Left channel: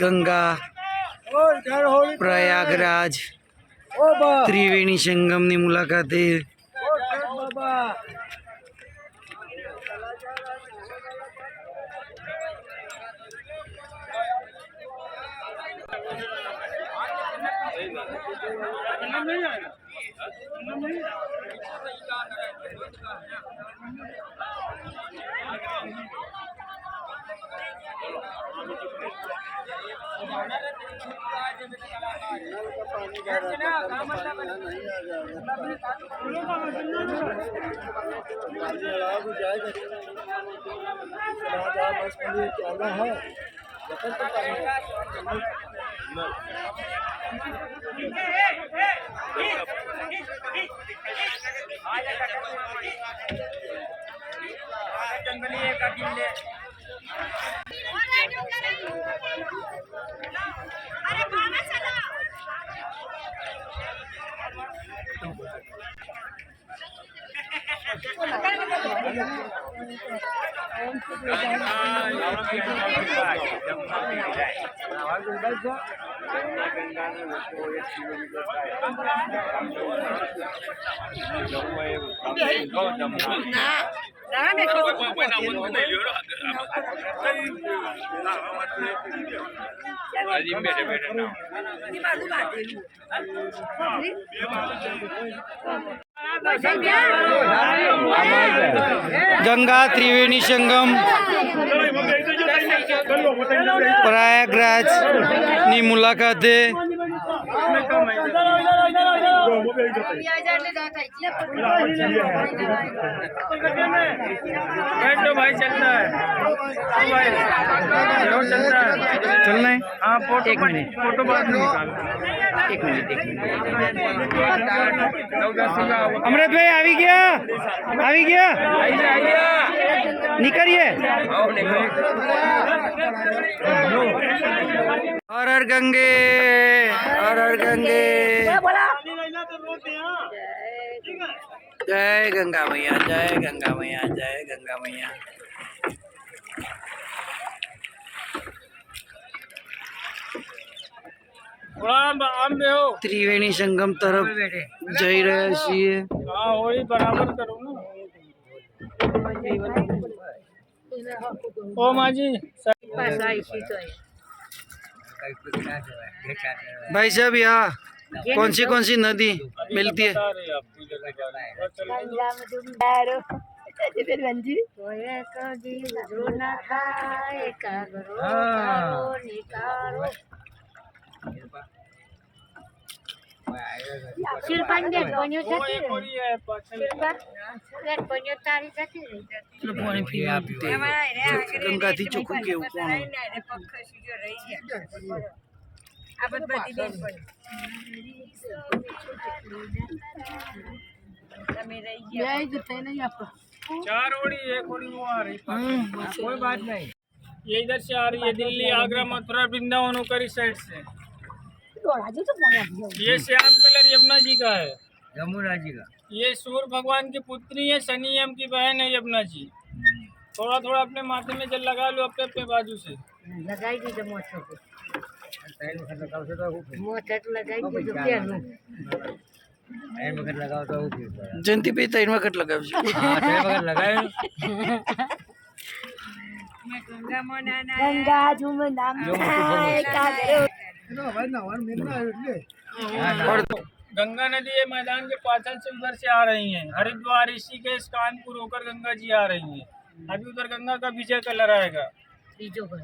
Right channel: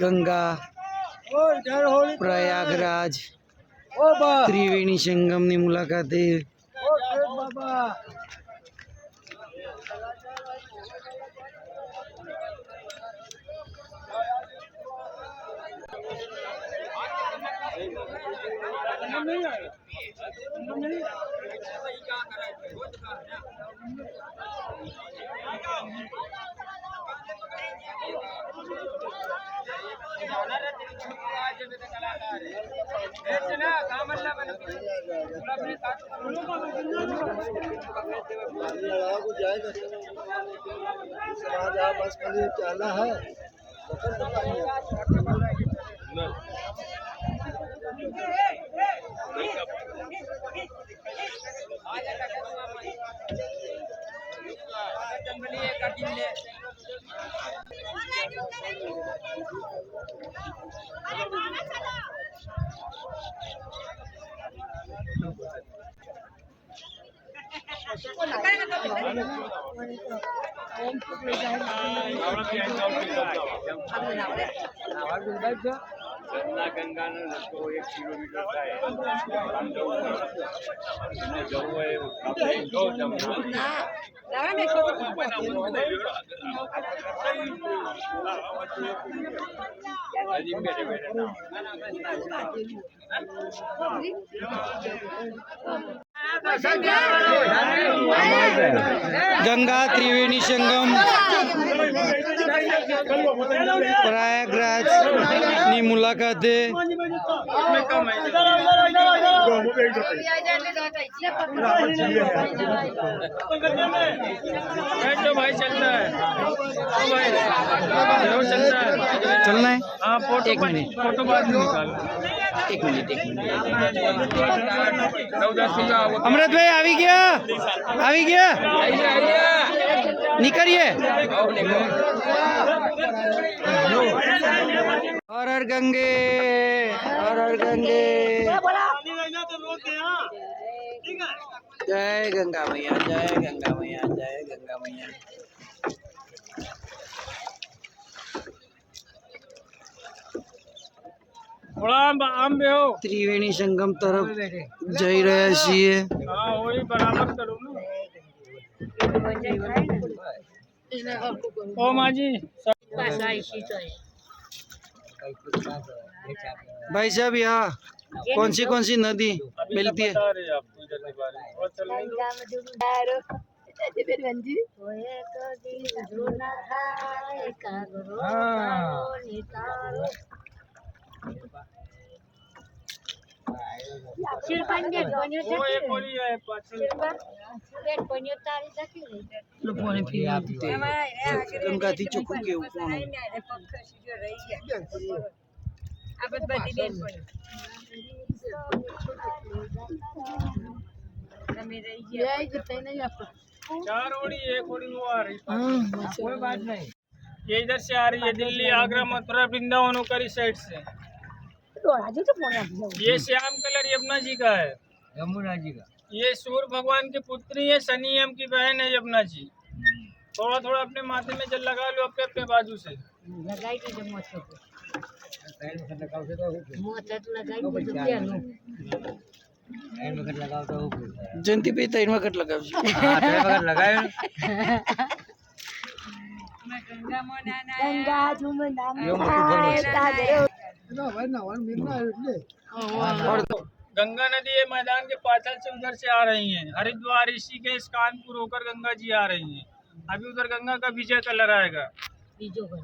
गंगा प्रयागराज त्रिवेणी संगमની મુલાકાતે गंगा त्रिवेणी संगम પ્રયાગરાજની મુલાકાતે भाई चलता है चलना है। हाँ फोटो एक मिनट फोटो बाद में एक मिनट अमृत भाई આવી ગયા निकलिए। हर हर गंगे हर हर गंगे जय गंगा मैया जय गंगा मैया जय गंगा मैया। त्रिवेणी संगम तरफ જઈ રહ્યા છીએ। ओ माजी भाई साहब यहाँ कौन सी नदी मिलती है? गंगा थी चोखू के ऊपर चार ओड़ी एक ओड़ी वो आ रही कोई बात नहीं। ये इधर से आ रही है दिल्ली आगरा मथुरा वृंदावन होकर इस साइड से। ये श्याम कलर यमुना जी का है। यमुना जी का ये सूर्य भगवान की पुत्री है शनियम की बहन है यमुना जी। थोड़ा थोड़ा अपने माथे में जल लगा लो अपने अपने बाजू से जयंती पे 3 वखत लगाव गंगा नदी ये मैदान के पाछल से उधर से आ रही हैं। हरिद्वार ऋषिकेश कानपुर होकर गंगा जी आ रही हैं। अभी उधर गंगा का विजय कलर आएगा।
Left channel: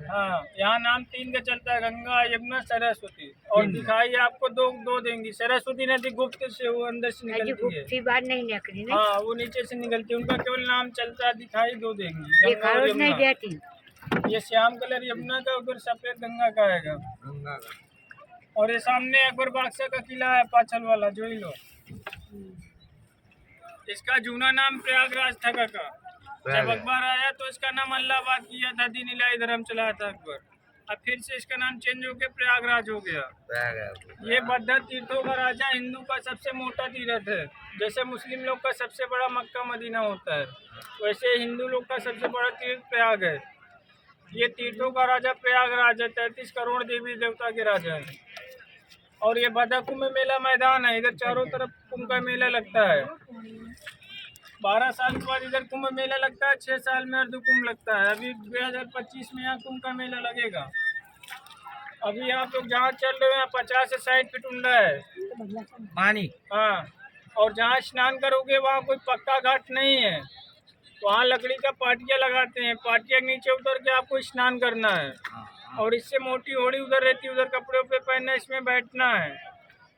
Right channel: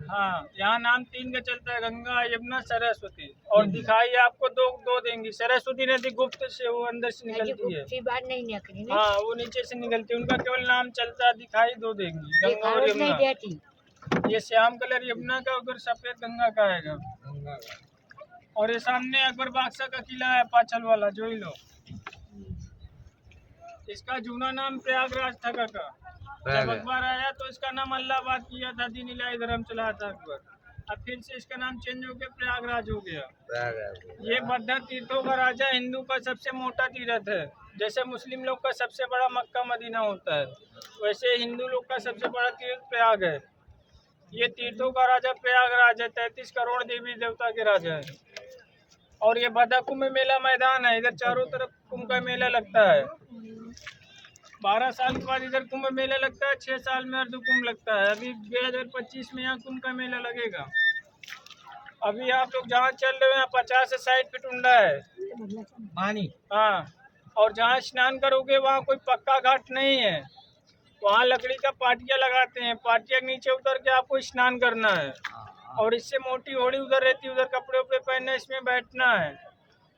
हाँ यहाँ नाम 3 का चलता है गंगा यमुना सरस्वती। और दिखाई आपको दो देंगी। सरस्वती नदी गुप्त से वो अंदर से निकलती है। हाँ वो नीचे से निकलती है। उनका केवल नाम चलता है। दिखाई 2 देंगी गंगा और यमुना। ये श्याम कलर यमुना का उधर सफेद गंगा का आएगा। और ये सामने अकबर बादशाह का किला है पाछल वाला जो ही लो। इसका जूना नाम प्रयागराज था का। जब अकबर आया तो इसका नाम अल्लाहाबाद किया था। दीन इलाही धर्म चलाया था अकबर। अब फिर से इसका नाम चेंज होकर प्रयागराज हो गया। ये बद्ध तीर्थों का राजा हिंदू का सबसे मोटा तीर्थ है। जैसे मुस्लिम लोग का सबसे बड़ा मक्का मदीना होता है वैसे हिंदू लोग का सबसे बड़ा तीर्थ प्रयाग है। ये तीर्थों का राजा प्रयागराज है, 33 करोड़ देवी देवता के राजा है। और ये बाधा कुंभ मेला मैदान है, इधर चारों तरफ कुंभ का मेला लगता है। 12 साल के बाद इधर कुंभ मेला लगता है, 6 साल में अर्ध कुंभ लगता है। अभी 2025 में यहाँ कुंभ का मेला लगेगा। अभी आप लोग जहाँ चल रहे हो यहाँ 50 से 60 फीट ऊंडा है पानी। हाँ, और जहाँ स्नान करोगे वहाँ कोई पक्का घाट नहीं है, वहाँ लकड़ी का पाटिया लगाते हैं, पाटिया के नीचे उतर के आपको स्नान करना है। और इससे मोटी होड़ी उधर रहती है, उधर कपड़े उपड़े पहनना, इसमें बैठना है।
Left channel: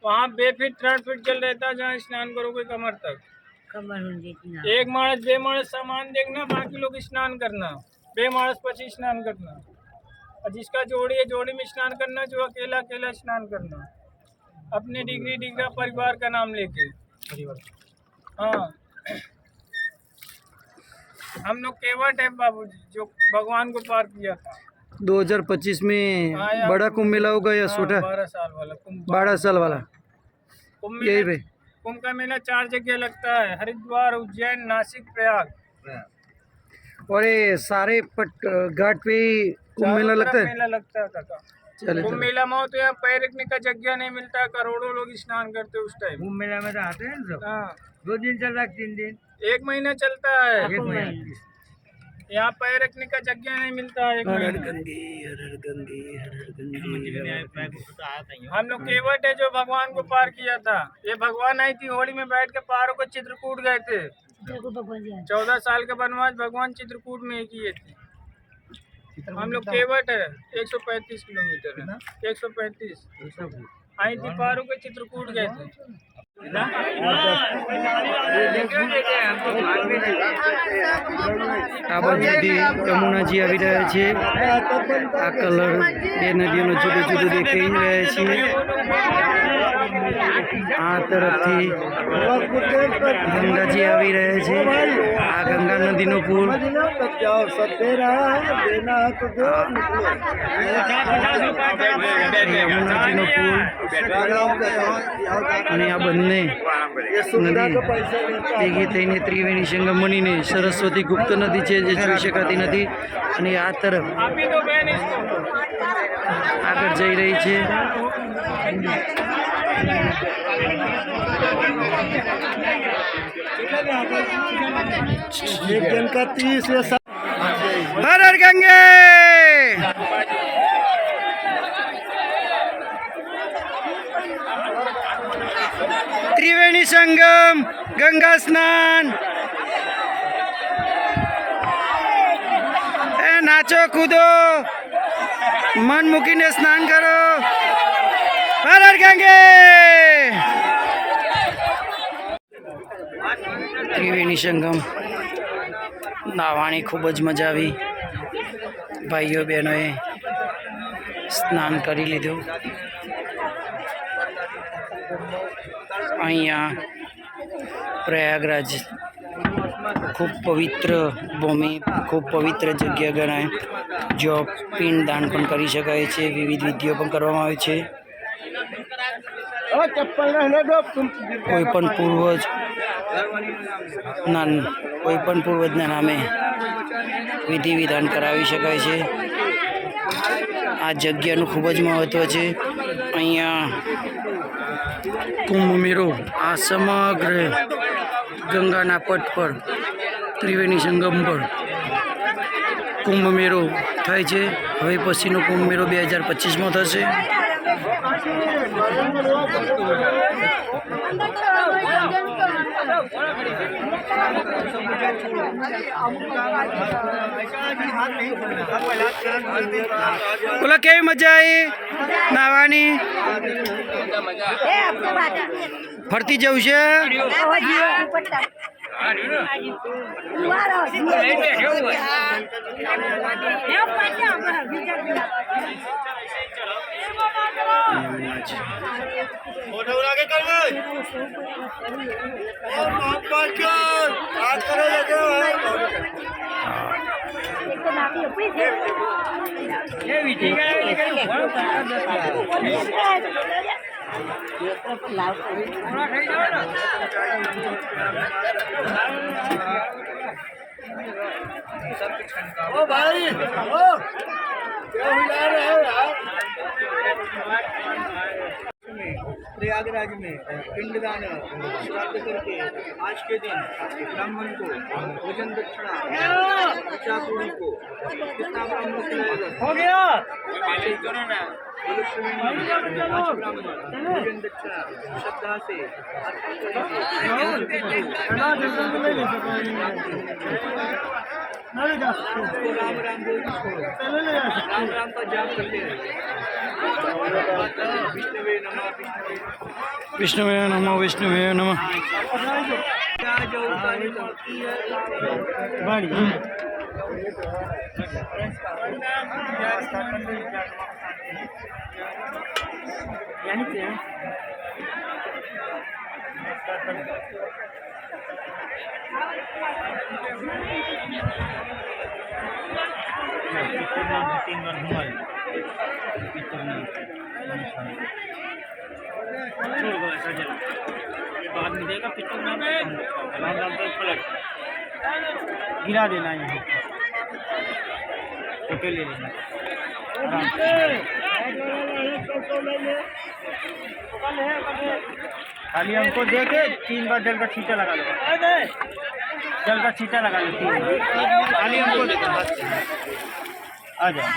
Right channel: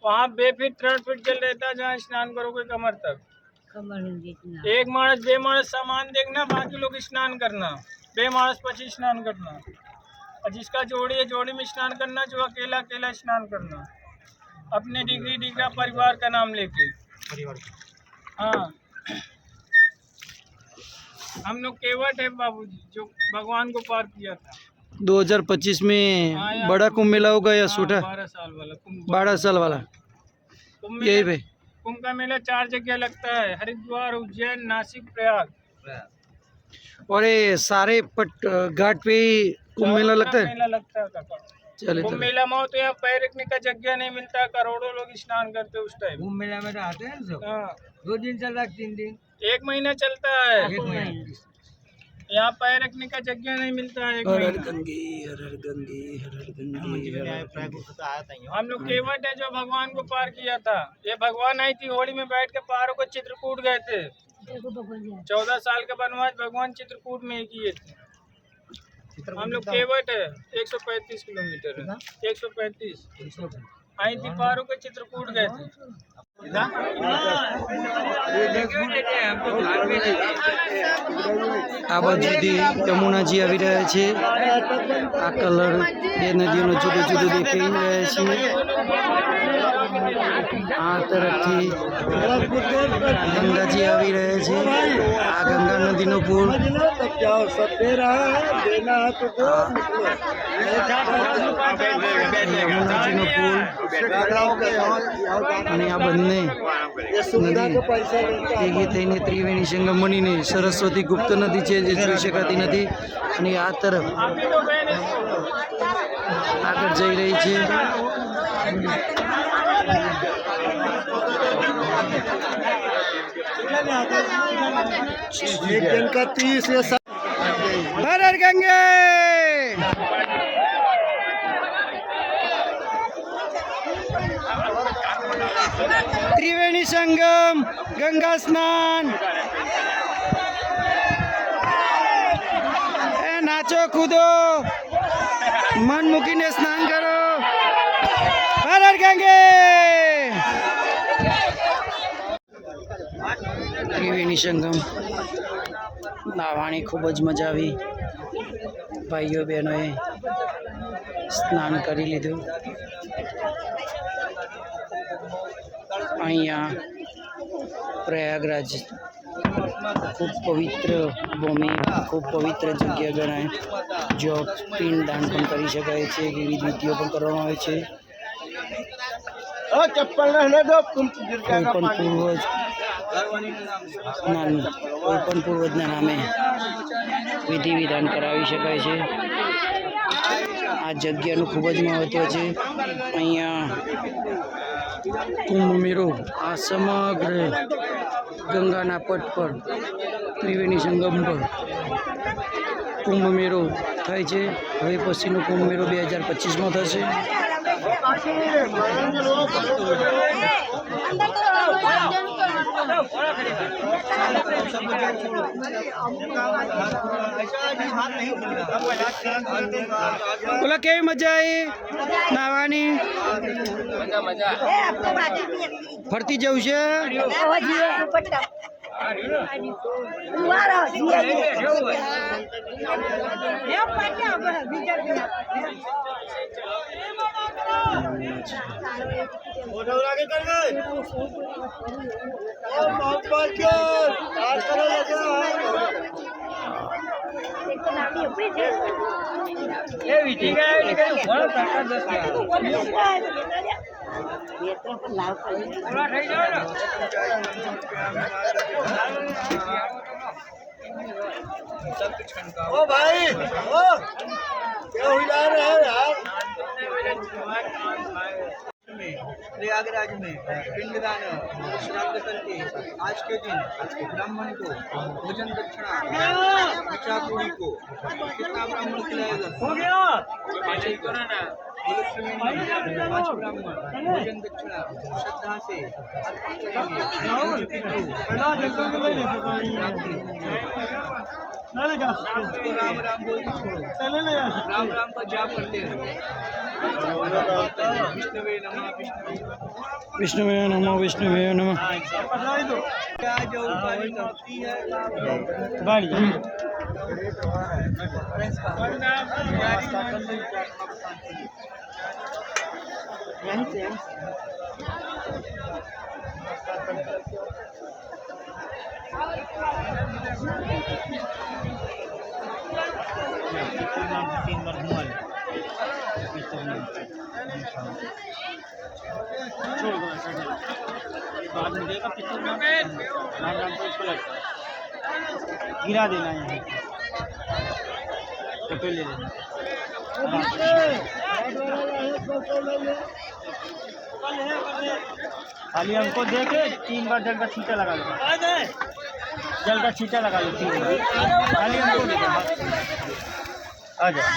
वहाँ 2 फीट 3 फीट जल रहता है जहाँ स्नान करोगे कमर तक। एक मानस 2 मानस सामान देखना, बाकी लोग स्नान करना, 2 मानस पची स्नान करना। और जिसका जोड़ी है जोड़ी में स्नान करना, जो अकेला अकेला स्नान करना, अपने डिग्री डिग्रा परिवार का नाम लेके। हाँ, हम लोग केवट है बाबूजी, जो भगवान को पार किया था। 2025 में बड़ा कुंभ मेला होगा या छोटा? 12 साल वाला कुंभ। 12 साल वाला कुंभ यही पे कुंभ का मेला 4 जगह लगता है, हरिद्वार, उज्जैन, नासिक, प्रयाग। और ये सारे पट घाट पे ही कुंभ मेला लगता है? मेला लगता है काका। चले कुंभ मेला में तो यहाँ पैर रखने का जगह नहीं मिलता, करोड़ों लोग स्नान करते उस टाइम। कुंभ मेला में तो आते हैं सब। हाँ, 2 दिन चल रहा है, 3 दिन, 1 महीना चलता है। 1 महीना। यहाँ पैर रखने का जगह नहीं मिलता है। हर हर गंगे हर हर गंगे हर हर गंगे हर हर गंगे। हम लोग केवट है जो भगवान को पार किया था। ये भगवान आई थी होड़ी में बैठ के पारों को चित्रकूट गए थे। 14 साल के वनवास भगवान चित्रकूट में ही किए थे। हम लोग केवट है, 135 किलोमीटर है, 135 आई थी पारों के चित्रकूट गए थे। આ બાજુથી યમુનાજી આવી રહ્યા છે। આ કલર બે નદીઓનો જુદો જુદો દેખાઈ રહ્યા છે। આ તરફથી ગંગાજી આવી રહ્યા છે। આ ગંગા નદીનો પુલ, યમુનાજીનો પુલ અને આ બંને નદી ભેગી થઈને ત્રિવેણી સંગમ બનીને સરસ્વતી ગુપ્ત નદી છે જે જોઈ શકાતી નથી અને આ તરફ આગળ જઈ રહી છે। हर हर गंगे। त्रिवेणी संगम, गंगा स्नान, नाचो कूदो, मन मूकीने स्नान करो। हर हर गंगे। त्रिवेणी संगम नावानी खूब ज मजा आई। भाईओ बहनों स्नान करी लीधु। अहींया प्रयागराज खूब पवित्र भूमि, खूब पवित्र जग्या गणाय, जो पिंडदान पण करी शकाय छे, विविध विधिओ पण करवामां आवे छे। कोईपण पूर्वजना नामे विधि विधान करावी शकाय छे। आ जग्यानुं खूब ज महत्व छे। अहींया कुंभ मेळो आ समग्र गंगाना पट पर त्रिवेणी संगम पर कुंभ मेळो थाय छे। हवे पछीनो कुंभ मेळो 2025 में थशे। बोला केवी मजा आई नावानी? फरती जવું છે? ओ भाई ओ क्या हिला रहे हैं यार। प्रयागराज में पिंडदान श्राद्ध करके आज के दिन ब्राह्मण को भोजन दक्षिणा बच्चा पूरी को कितना ब्राह्मण खिलाएगा? हो गया भोजन दक्षिणा श्रद्धा से राम राम बोल के छोड़ो, राम राम का जाप करते रहिए। विष्णुवे नमः विष्णुवे नमः विष्णुवे नमः। क्या जो उतारी करती है बाद में देगा पिक्चर में राम राम तो पलट गिरा देना यहाँ फोटो ले लेना। खाली हमको दे के 3 बार जल का छींटा लगा लो, जल का छींटा लगा लो 3 बार खाली हमको दे दो बस। आ जाओ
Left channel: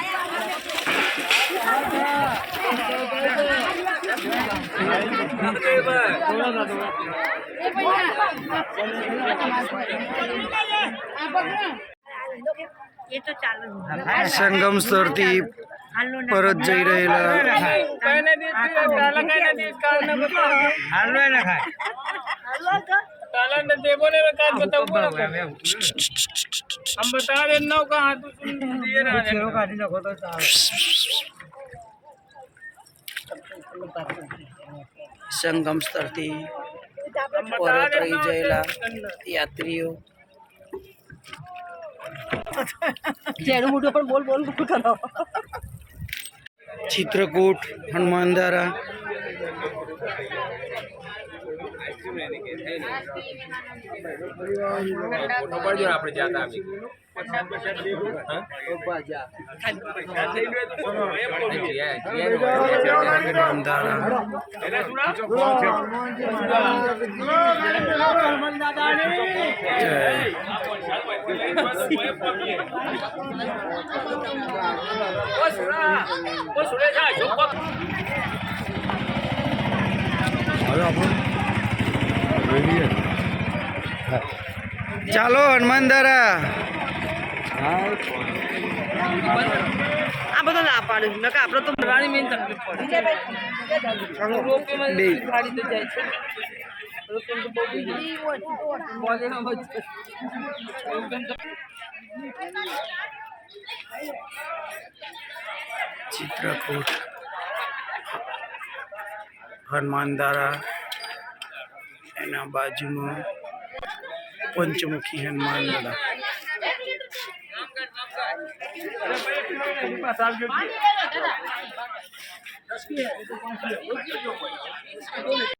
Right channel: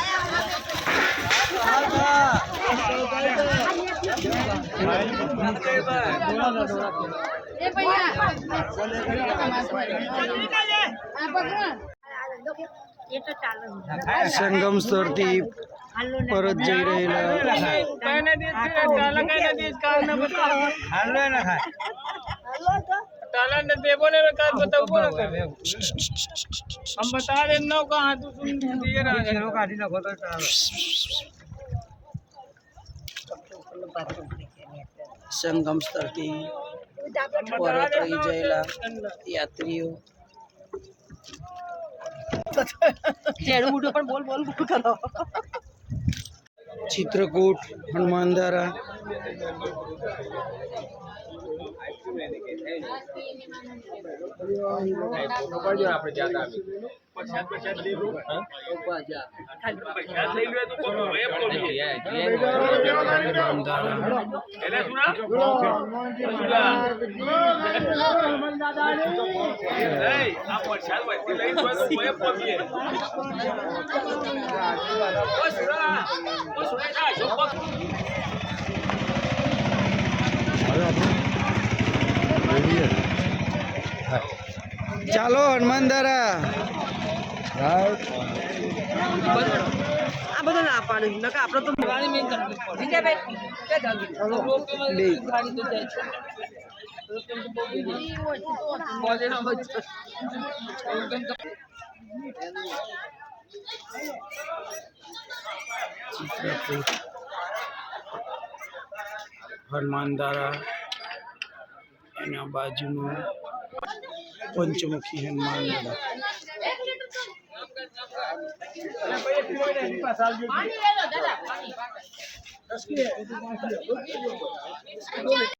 સંગમ સ્થળથી પરત જઈ રહેલા हम बता रहे नौ कहाँ तू सुन दिए ना સંગમ સ્થળથી પરત રહી ગયેલા યાત્રીઓ चित्रकूट हनुमानधारा ચાલો હનુમાનધારા આ બધું ના પાડ્યું નકા આપણે તો મેન તકલીફ चित्रकूट हनुमानधारा एना बाजू में पंचमुखी हनुमानधारा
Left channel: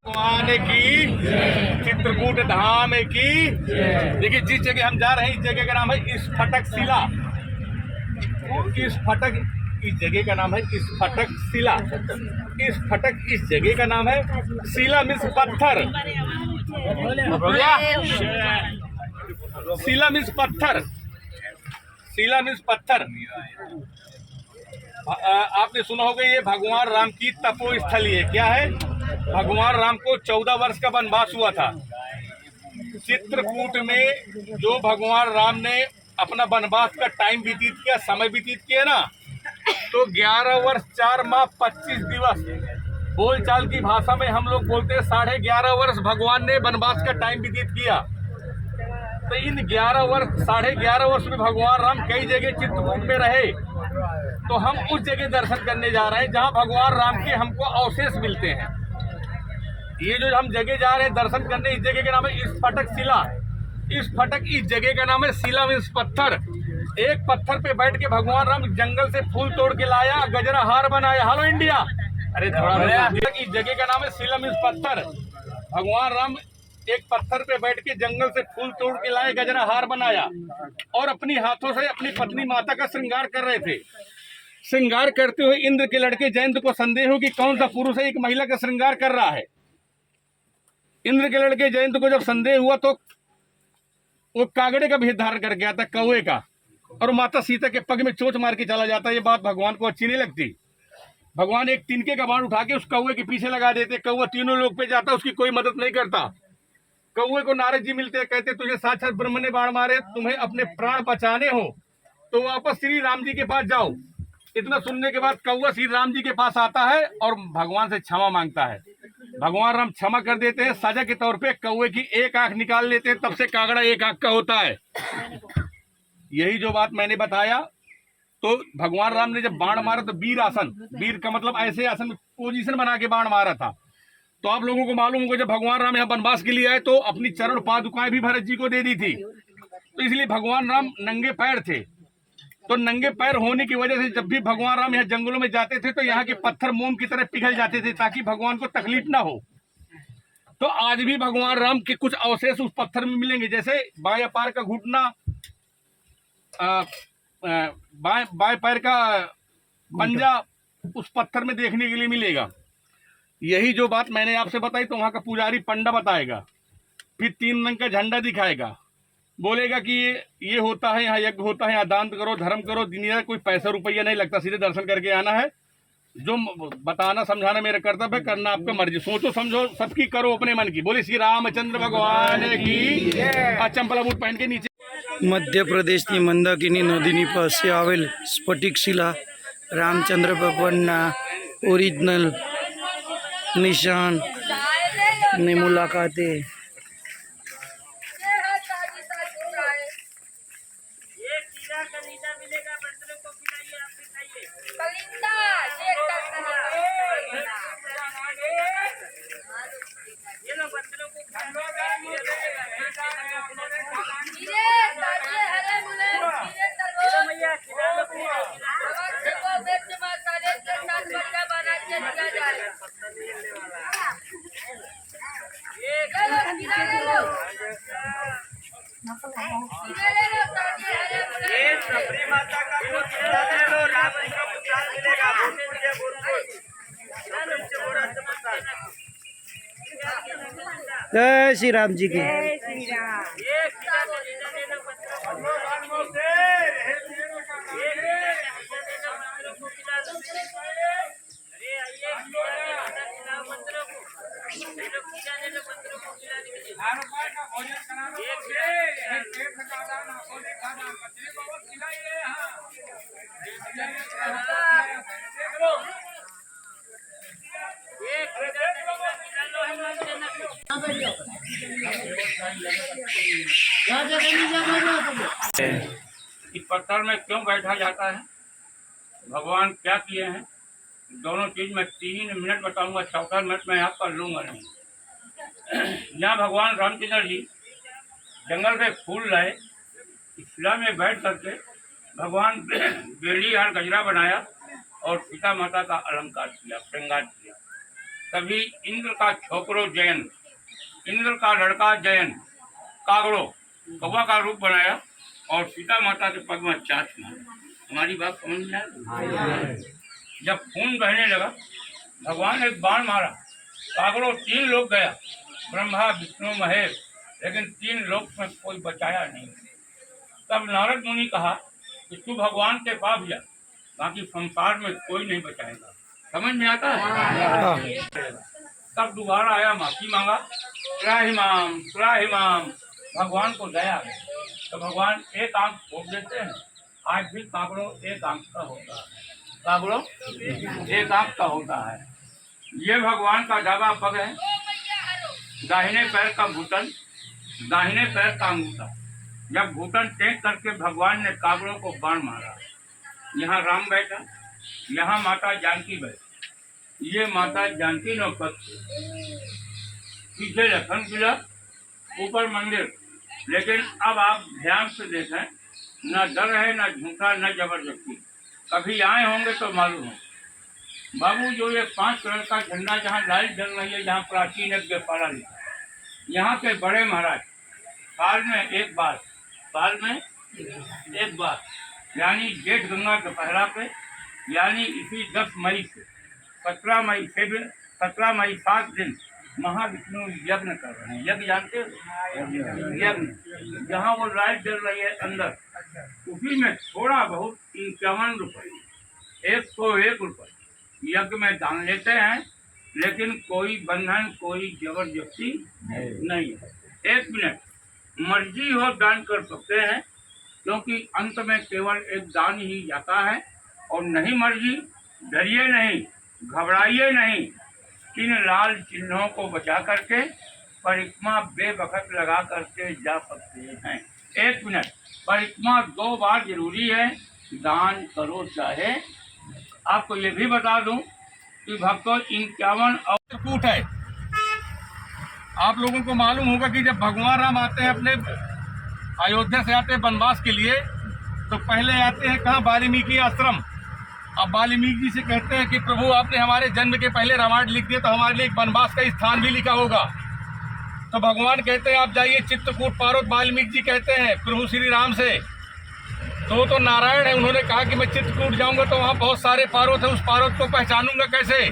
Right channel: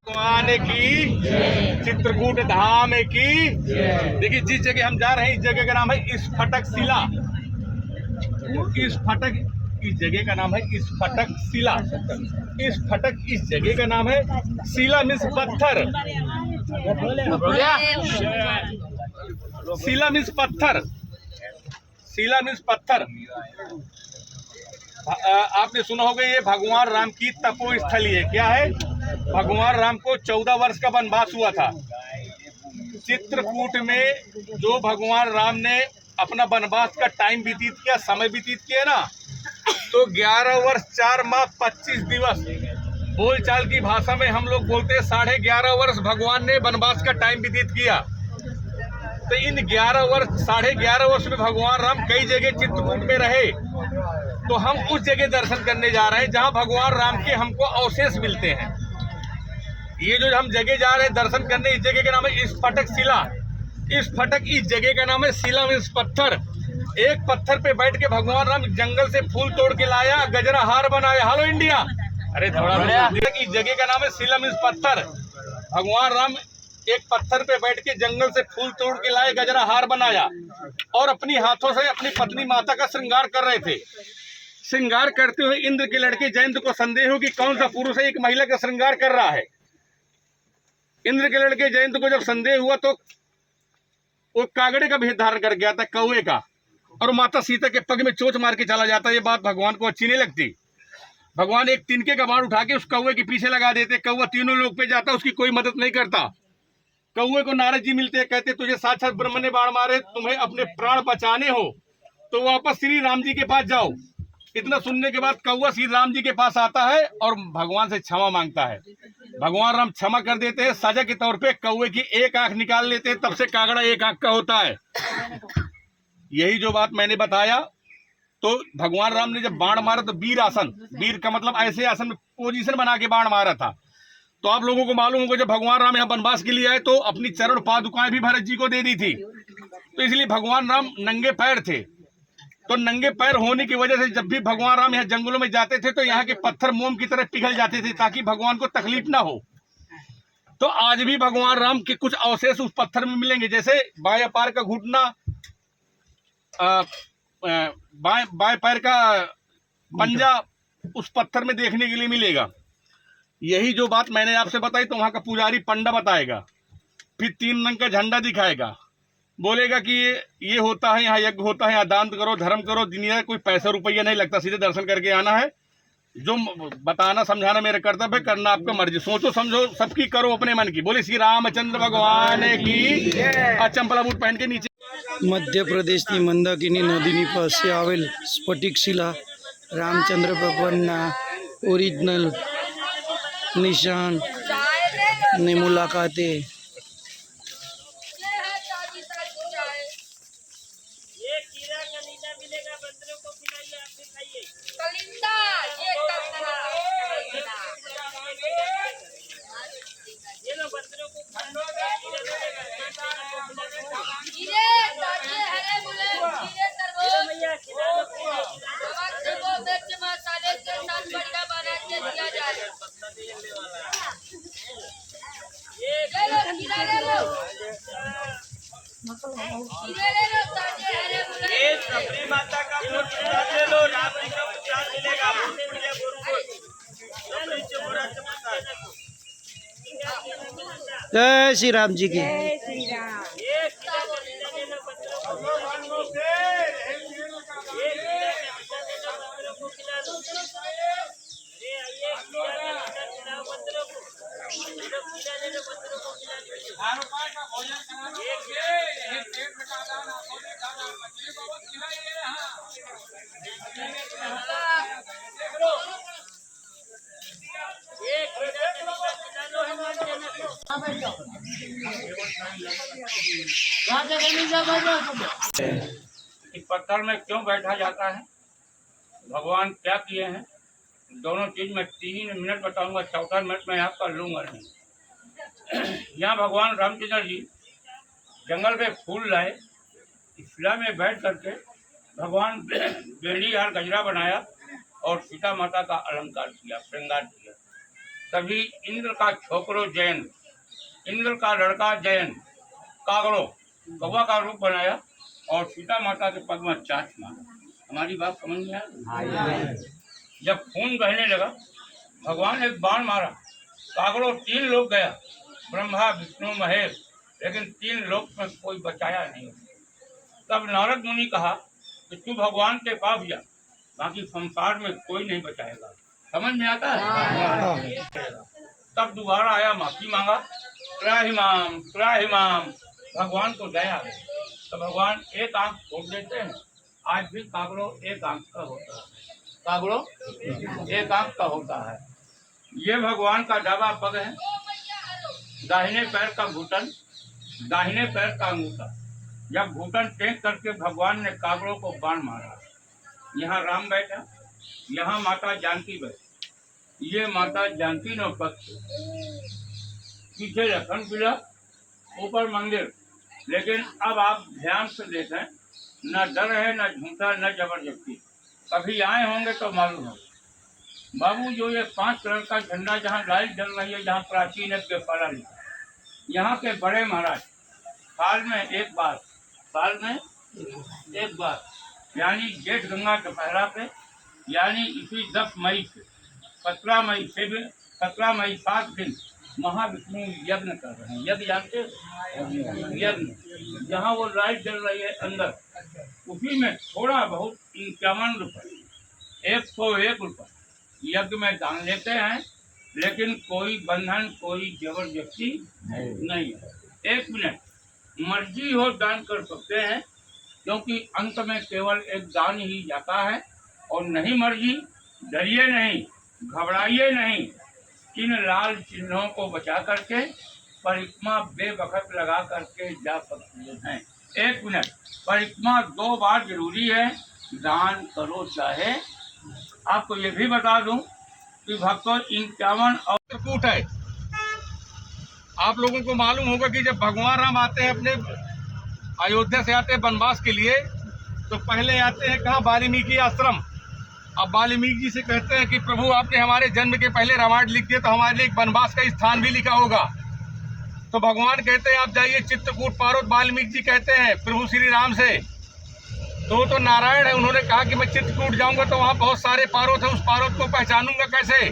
भगवान की चित्रकूट धाम की। देखिए जिस जगह हम जा रहे हैं इस जगह का नाम है स्फटक शिला। स्फटक इस जगह का नाम है स्फटक शिला। स्फटक इस जगह का नाम है, शिला मीन्स पत्थर। शिला मीन्स पत्थर। शिला मीन्स पत्थर। आपने सुना होगा ये भगवान राम की तपोस्थली है। क्या है? भगवान राम को 14 वर्ष का वनवास हुआ था। चित्रकूट में जो भगवान राम ने अपना वनवास का टाइम व्यतीत किया, समय व्यतीत किया ना, तो 11 वर्ष 4 माह 25 दिवस, बोलचाल की भाषा में हम लोग बोलते हैं 11.5 वर्ष भगवान ने वनवास का टाइम व्यतीत किया। तो इन 11 वर्ष 11.5 वर्ष में भगवान राम कई जगह चित्रकूट में रहे। तो हम उस जगह दर्शन करने जा रहे हैं जहां भगवान राम के हमको अवशेष मिलते हैं। ये जो हम जगह जा रहे हैं दर्शन करने, इस जगह का नाम है स्फटक शिला। स्फटक इस जगह का नाम है, शिला मीन्स पत्थर। एक पत्थर पे बैठ के भगवान राम जंगल से फूल तोड़ के लाया, गजरा हार बनाया। हेलो इंडिया, अरे थोड़ा इस जगह का नाम है शिला मीन्स पत्थर। भगवान राम एक पत्थर पे बैठ के जंगल से फूल तोड़ के लाए, गजरा हार बनाया और अपनी हाथों से अपनी पत्नी माता का श्रृंगार कर रहे थे। श्रृंगार करते हुए इंद्र के लड़के जयंत को संदेह हो कि कौन सा पुरुष है एक महिला का श्रृंगार कर रहा है। इंद्र के लड़के जयंत को जब संदेह हुआ तो वो कागड़े का भेद धारण कर गया था, कौवे का, और माता सीता के पग में चोट मार के चला जाता। ये बात भगवान को अच्छी नहीं लगती। भगवान एक तिनके का बाण उठा के उस कौवे के पीछे लगा देते। कौवा तीनों लोग पे जाता, उसकी कोई मदद नहीं करता। कौवे को नारद जी मिलते, कहते तुझे साक्षात ब्रह्म ने बाण मारे, तुम्हें अपने प्राण बचाने हो तो वापस श्री राम जी के पास जाओ। इतना सुनने के बाद कौवा श्री राम जी के पास आता है और भगवान से क्षमा मांगता है। भगवान राम क्षमा कर देते हैं। सजा के तौर पे कौवे की एक आंख निकाल लेते हैं, तब से कागड़ा एक आंख का होता है। यही जो बात मैंने बताया, तो भगवान राम ने जब बाण मारा तो वीर आसन, वीर का मतलब ऐसे आसन में पोजीशन बना के बाण मारा था। तो आप लोगों को मालूम होगा जब भगवान राम यहाँ वनवास के लिए आए तो अपनी चरण पादुकाएं भी भरत जी को दे दी थी। तो इसलिए भगवान राम नंगे पैर थे। तो नंगे पैर होने की वजह से जब भी भगवान राम यहाँ जंगलों में जाते थे तो यहाँ के पत्थर मोम की तरह पिघल जाते थे ताकि भगवान को तकलीफ ना हो। तो आज भी भगवान राम के कुछ अवशेष उस पत्थर में मिलेंगे, जैसे बाएं पैर का घुटना, बाएं पैर का पंजा उस पत्थर में देखने के लिए मिलेगा। यही जो बात मैंने आपसे बताई तो वहाँ का पुजारी पंडा बताएगा, फिर 3 रंग का झंडा दिखाएगा, बोलेगा कि ये होता है, यहाँ यज्ञ होता है, यहाँ दान करो, धर्म करो। दुनिया कोई पैसा रुपया नहीं लगता, सीधे दर्शन करके आना है। जो बताना समझाना मेरा कर्तव्य है, करना आपका मर्जी। सोचो समझो सबकी, करो अपने मन की। बोले श्री रामचंद्र भगवान की। चंपलाबूट पहन के नीचे। મધ્યપ્રદેશની મંદાકિની નદીની પાસે આવેલ સ્ફટિક શિલા રામચંદ્ર ભગવાનના ઓરિજિનલ નિશાન ની મુલાકાતે जय श्री राम जी की। इस पत्थर में क्यों बैठा जाता है, भगवान क्या किए हैं, दोनों चीज में 3 मिनट बताऊंगा, 4था मिनट में यहाँ कर लूंगा नहीं। यहाँ भगवान रामचंद्र जी जंगल में फूल लाए, इस शिला में बैठ करके भगवान बेड़ी हार गजरा बनाया और सीता माता का अलंकार किया, श्रृंगार किया। तभी इंद्र का छोकरो जयंत, इंद्र का लड़का जयंत कागड़ो कौवा का रूप बनाया और सीता माता के पग में चाँच मारा। हमारी बात समझ में आया? जब खून बहने लगा, भगवान एक बाण मारा, कागड़ो 3 लोग गया, ब्रह्मा विष्णु महेश, लेकिन 3 लोग में कोई बचाया नहीं। तब नारद मुनि कहा कि तू भगवान के पास जा, बाकी संसार में कोई नहीं बचाएगा। समझ में आता है? तब दोबारा आया, माफी मांगा, त्राहिमाम, भगवान को दया है। तो भगवान एक आंख खोल देते हैं। आज भी कागड़ो एक आंख का होता है, कागड़ो एक आंख का होता है। ये भगवान का दावा पग है, दाहिने पैर का घुटन, दाहिने पैर का अंगूठा। जब घुटन टेक करके भगवान ने कागड़ों को बाण मारा, यहाँ राम बैठा, यहाँ माता जानकी बैठी। ये माता जानकी नो पक्ष, पीछे लखन किला, ऊपर मंदिर। लेकिन अब आप ध्यान से देखें, न डर है, न झूठा, न जबरदस्ती। कभी आए होंगे तो मालूम हो। बाबू जो ये 5 कलर का झंडा जहाँ लाइट जल रही है, जहाँ प्राचीन यज्ञशाला लिखा, यहाँ के बड़े महाराज साल में एक बार यानी जेठ गंगा के पहला पे यानी इसी 10 मई से 17 मई से 17 मई 7 दिन महाविष्णु यज्ञ कर रहे हैं। यज्ञ जानते हो? यज्ञ जहाँ वो लाइट जल रही है अंदर, उसी में थोड़ा बहुत 51 रुपये 101 रुपये यज्ञ में दान लेते हैं, लेकिन कोई बंधन कोई जबरदस्ती नहीं है। 1 मिनट मर्जी हो दान कर सकते हैं, क्योंकि अंत में केवल एक दान ही जाता है। और नहीं मर्जी, डरिए नहीं, घबराइए नहीं, इन लाल चिन्हों को बचा करके परिक्रमा बेवक्त लगा करके जा सकते हैं। 1 मिनट परिक्रमा 2 बार जरूरी है, दान करो चाहे। आपको ये भी बता दूं कि भक्तों 51 चित्रकूट है। आप लोगों को मालूम होगा कि जब भगवान राम आते हैं अपने अयोध्या से आते हैं वनवास के लिए, तो पहले आते हैं कहाँ? वाल्मीकि आश्रम। अब वाल्मीकि जी से कहते हैं कि प्रभु आपने हमारे जन्म के पहले रामायण लिख दिया, तो हमारे लिए एक वनवास का स्थान भी लिखा होगा। तो भगवान कहते हैं आप जाइए चित्रकूट पारोत। वाल्मीकि जी कहते हैं प्रभु श्री राम से, तो नारायण है, उन्होंने कहा कि मैं चित्रकूट जाऊंगा तो वहाँ बहुत सारे पारोत है, उस पारोत को पहचानूंगा कैसे?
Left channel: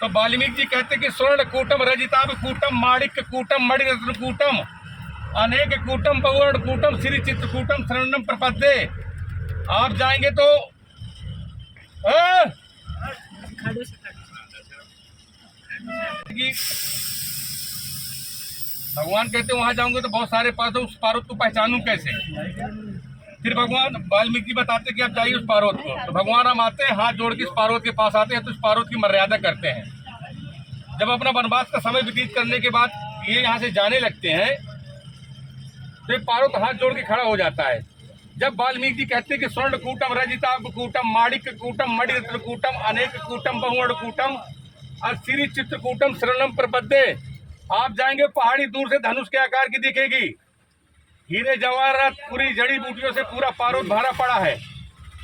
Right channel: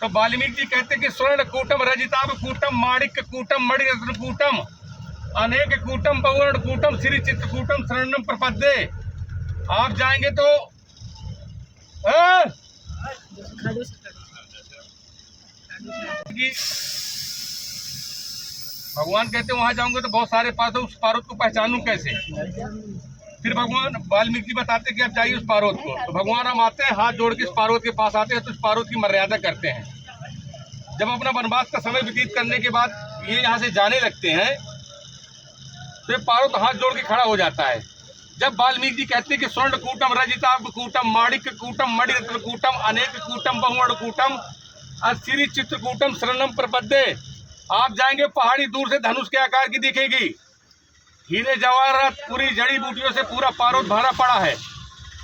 तो वाल्मीकि जी कहते कि स्वर्ण कूटम रजिताभ कूटम माणिक्य कूटम मणिरत्न कूटम अनेक कूटम बहुवर्ण कूटम श्री चित्रकूटम शरणम प्रपद्ये। आप जाएंगे तो भगवान कहते वहां जाऊंगे तो बहुत सारे पारोत, उस पारोत को पहचानूं कैसे? फिर भगवान वाल्मीकि जी बताते कि आप जाइए उस पारोत को। तो भगवान हम आते हैं, हाथ जोड़ के इस पारोत के पास आते हैं, तो इस पारोत की मर्यादा करते हैं। जब अपना वनवास का समय व्यतीत करने के बाद ये यहाँ से जाने लगते हैं, तो ये पारोत हाथ जोड़ के खड़ा हो जाता है। जब वाल्मीकि जी कहते हैं कि स्वर्ण कूटम रजिताभ कूटम माणिक्य कूटम मणिरत्न कूटम अनेक कूटम बहुवर्ण कूटम श्री चित्रकूटम शरणम प्रपद्ये। आप जाएंगे, पहाड़ी दूर से धनुष के आकार की दिखेगी, हीरे जवाहरात पूरी जड़ी बूटियों से पूरा पारोत भरा पड़ा है।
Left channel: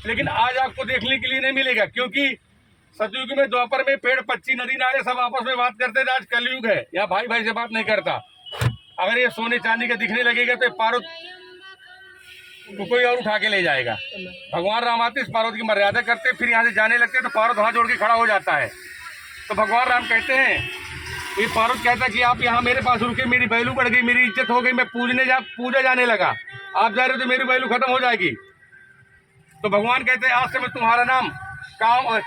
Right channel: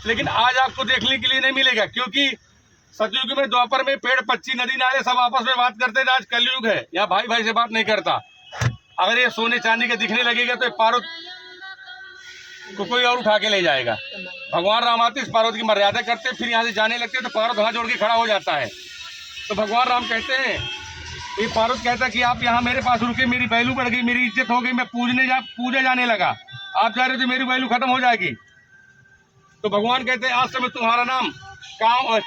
लेकिन आज आपको देखने के लिए नहीं मिलेगा, क्योंकि सतयुग में द्वापर में पेड़ पक्षी नदी नाले सब आपस में बात करते थे। आज कलयुग है, या भाई भाई से बात नहीं करता। अगर ये सोने चांदी का दिखने लगेगा तो ये पारोत को कोई और उठा के ले जाएगा। भगवान राम आते इस पारोत की मर्यादा करते, फिर यहाँ से जाने लगते तो पारोत हाथ जोड़ के खड़ा हो जाता है। तो भगवान राम कहते हैं, ये पारोत कहता है कि आप यहाँ मेरे पास रुके, मेरी वैल्यू बढ़ गई, मेरी इज्जत हो गई, मैं पूजा जाने लगा। आप जा रहे हो तो मेरी वैल्यू खत्म हो जाएगी। तो भगवान कहते हैं आज से मैं तुम्हारा नाम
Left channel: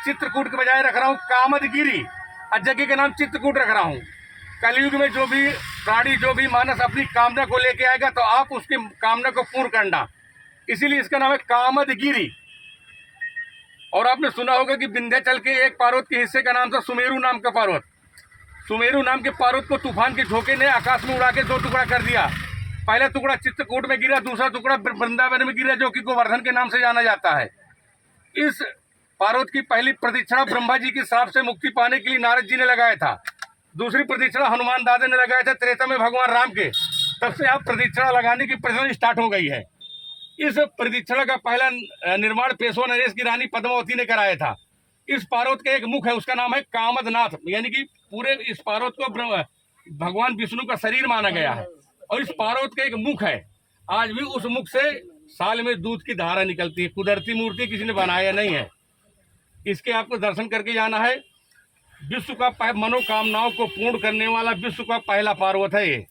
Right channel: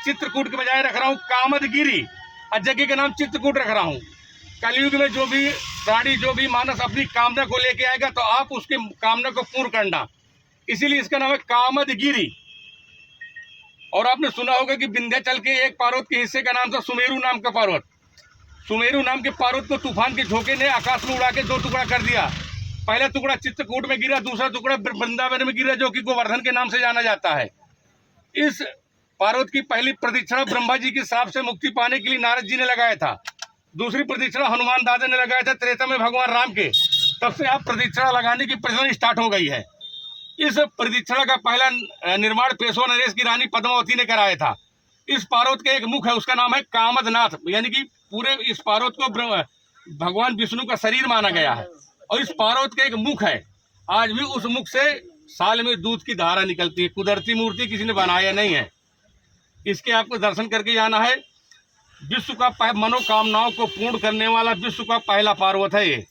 चित्रकूट के बजाय रख रहा हूँ कामदगिरी, और जगह का नाम चित्रकूट रख रहा हूँ। कलयुग में जो भी प्राणी जो भी मानस अपनी कामना को लेके आएगा तो आप उसकी कामना को पूर्ण करना, इसीलिए इसका नाम है कामदगिरी। और आपने सुना होगा कि विंध्याचल के एक पार्वत के हिस्से का नाम था सुमेरु नाम का पार्वत। सुमेरु नाम के पार्वत को तूफान के झोंके ने आकाश में उड़ा के 2 टुकड़ा कर दिया। पहला टुकड़ा चित्रकूट में गिरा, दूसरा टुकड़ा वृंदावन में गिरा, जो कि गोवर्धन के नाम से जाना जाता है। इस पार्वत की पहली प्रदक्षिणा ब्रह्मा जी के शाप से मुक्ति पाने के लिए नारद जी ने लगाया था। दूसरी प्रदक्षिणा हनुमान दादा ने लगाया था त्रेता में भगवान राम के। तब से आप प्रदक्षिणा लगाने की प्रचलन स्टार्ट हो गई है। इस प्रदक्षिणा का पहला निर्माण पेशवा नरेश की रानी पद्मावती ने कराया था। इस पार्वत का एक मुख है, उसका नाम है कामदनाथ, यानी कि पूरे इस पार्वत को भगवान विष्णु का शरीर माना गया है। और इस पार्वत का एक मुख है, आज भी उस मुख से साल में दूध की धारा निकलती है। कुदरती मूर्ति किसी ने बनाया नहीं है। इसके आपको दर्शन करके जाना है। विश्व का मनोकामनाओं को पूर्ण करने वाला विश्व का पहला पार्वत है ये।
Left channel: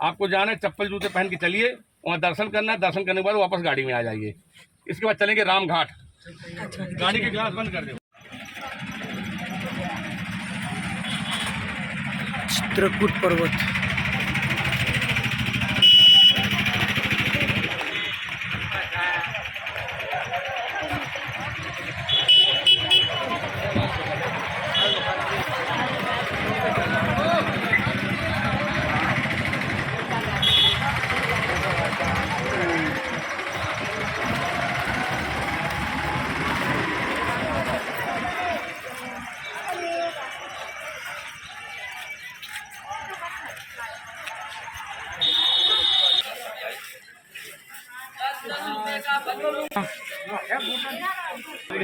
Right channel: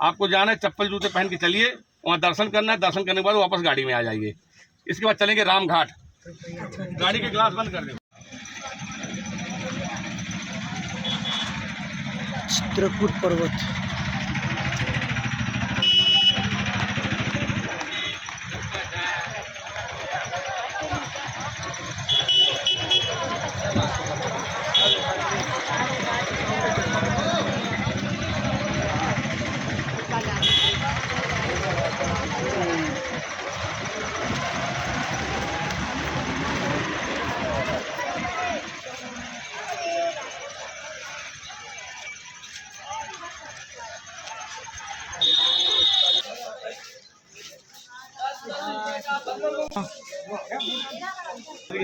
आपको जाना है, चप्पल जूते पहन के चलिए, वहाँ दर्शन करना है। दर्शन करने के बाद वापस गाड़ी में आ जाइए। इसके बाद चलेंगे रामघाट। गाड़ी के ग्लास बंद कर दे। चित्रकूट पर्वत।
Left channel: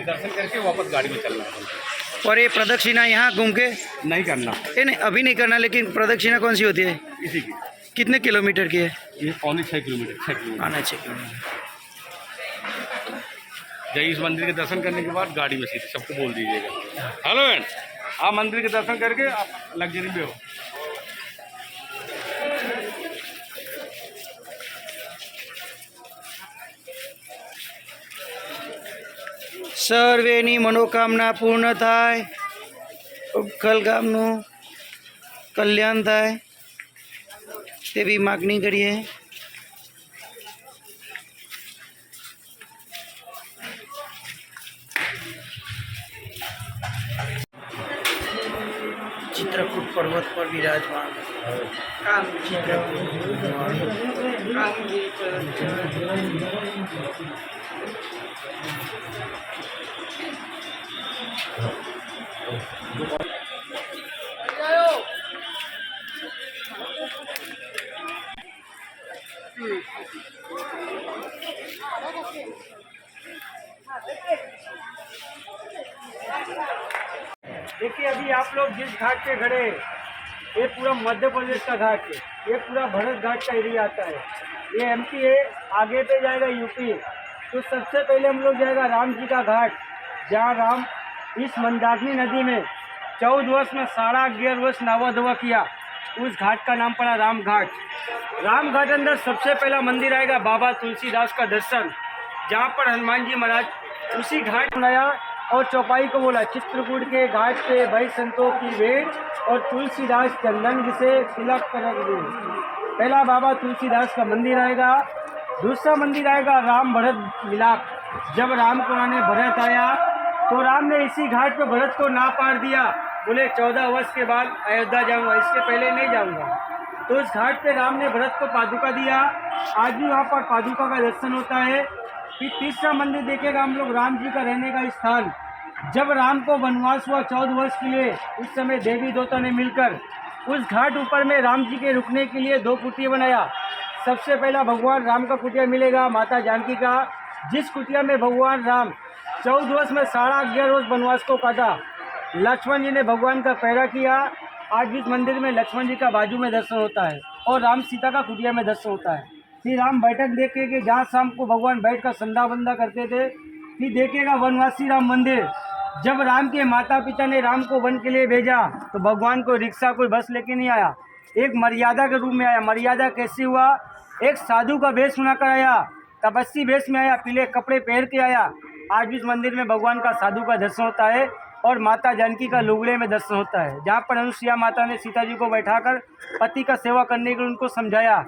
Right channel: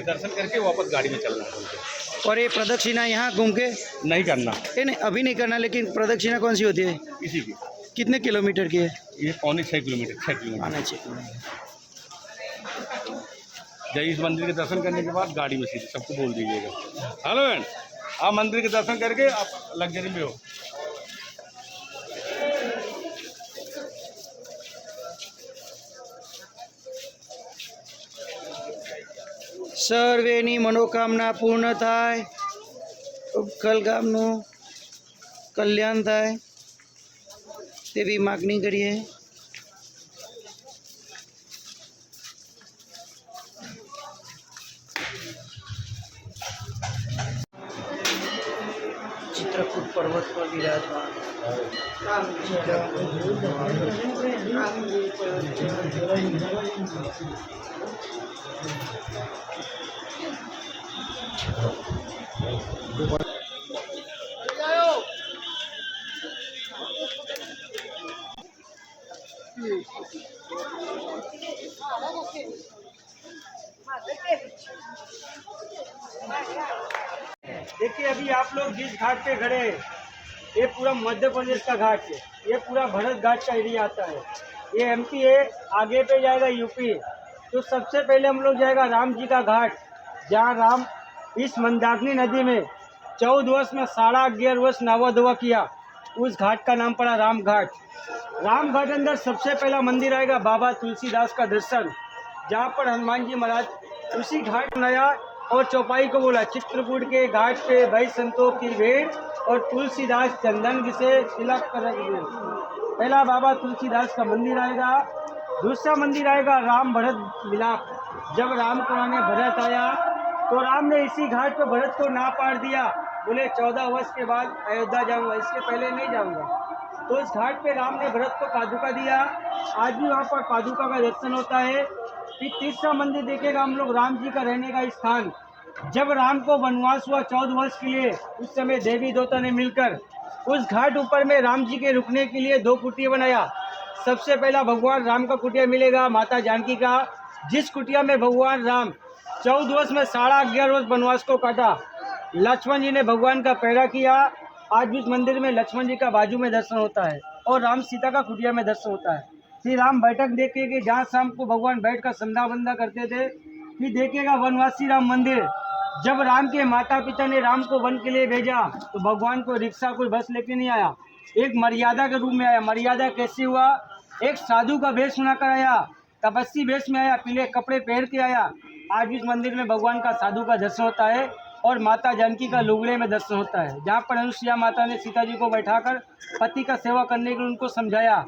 दर्शन करके वापस गाड़ी में चलना है। और ये प्रदक्षिणा यहाँ घूम के नहीं करना ये नहीं अभी नहीं करना, लेकिन प्रदक्षिणा कौन सी होती है? इसी की। कितने किलोमीटर की है? ये 6.5 किलोमीटर 6 किलोमीटर। आना 6 किलोमीटर। जय इस मंदिर के दर्शन करने के बाद गाड़ी में सीधे सबको बोल दीजिएगा। हेलो मैम, आप मंदिर के दर्शन करके आप लग्जरी में हो। સર્વેની મનોકામના પૂર્ણ થાય, ઉખલ ગામનું કલ્યાણ થાય તેવી માગણી કરીએ। चित्रकूट पर्वत पर विराजमान देखिए अभी आप लोग जिस घाट पे खड़े हैं ये पूरा मध्य प्रदेश का घाट है। ये पूरा भरत घाट का एरिया आता है। ये एमपी है, आगे पे जाएगा यूपी। तो सबसे पहले हम लोग जाएगा राम जी का घाट, जहाँ राम इस मंदाकिनी नदी में 14 वर्ष में 11.5 वर्ष नवा धोवा किया। उस घाट का नाम पड़ा राम घाट। राम घाट अंदर सबसे पहला मंदिर आएगा बाबा तुलसीदास का दर्शन, जहाँ पर हनुमान जी महाराज उसी घाट बनाया और चौपाई को बोला चित्रकूट के घाट पे भाई संतों की भेंट और तुलसीदास चंदन से तिलक कर रख दो। पहला बाबा तुलसीदास का मंदिर आएगा। दूसरा मंदिर आएगा राम भरत मिलाप। जब राम को आने भरत आया तो राम ने इसी घाट पे भरत को ना पार दिया, बोले 14 वर्ष के बाद अयोध्या जाऊंगा, इसके पहले नहीं जाऊंगा। तो उस घाट पे राम ने भरत को पादुका दिया। आज भी वहाँ पर पादुका का दर्शन होता है। फिर तीसरा मंदिर देखेगा हम लोग राम जी का रहने का स्थान। जब राम को वनवास हुआ 14 वर्ष के लिए, उस समय देवी देवता ने मिलकर उस घाट ऊपर में राम जी के रुकने के लिए 2 कुटिया बनाया। सबसे पहला भगवान राम का कुटिया मिलेगा माता जानकी का, जिस कुटिया में भगवान राम 14 वर्ष में 11.5 वर्ष वनवास को काटा। लक्ष्मण जी ने भगवान का पहरा किया। आज भी उस मंदिर में लक्ष्मण जी का बाजू में दर्शन होता है और राम सीता का कुटिया में दर्शन होता है। फिर राम बैठक देखे कि जहाँ शाम को भगवान बैठ कर संधा बंदा करते थे। फिर देखेगा वनवासी राम मंदिर। जब राम के माता पिता ने राम को वन के लिए भेजा तो भगवान को रिक्शा कोई बस लेके नहीं आया, एक मर्यादा के रूप में आया। मर्यादा कैसे हुआ? एक साधु का वेश बनाकर आया, तपस्वी वेश में आया, पीले कपड़े पहन के आया। आज भी इस मंदिर में भगवान का साधु का दर्शन होता है और माता जानकी का लुगड़े में दर्शन होता है, जहाँ पर अनुसुईया माता ने सीता जी को बैठाकर पति का सेवा करने के लिए उनको समझाया।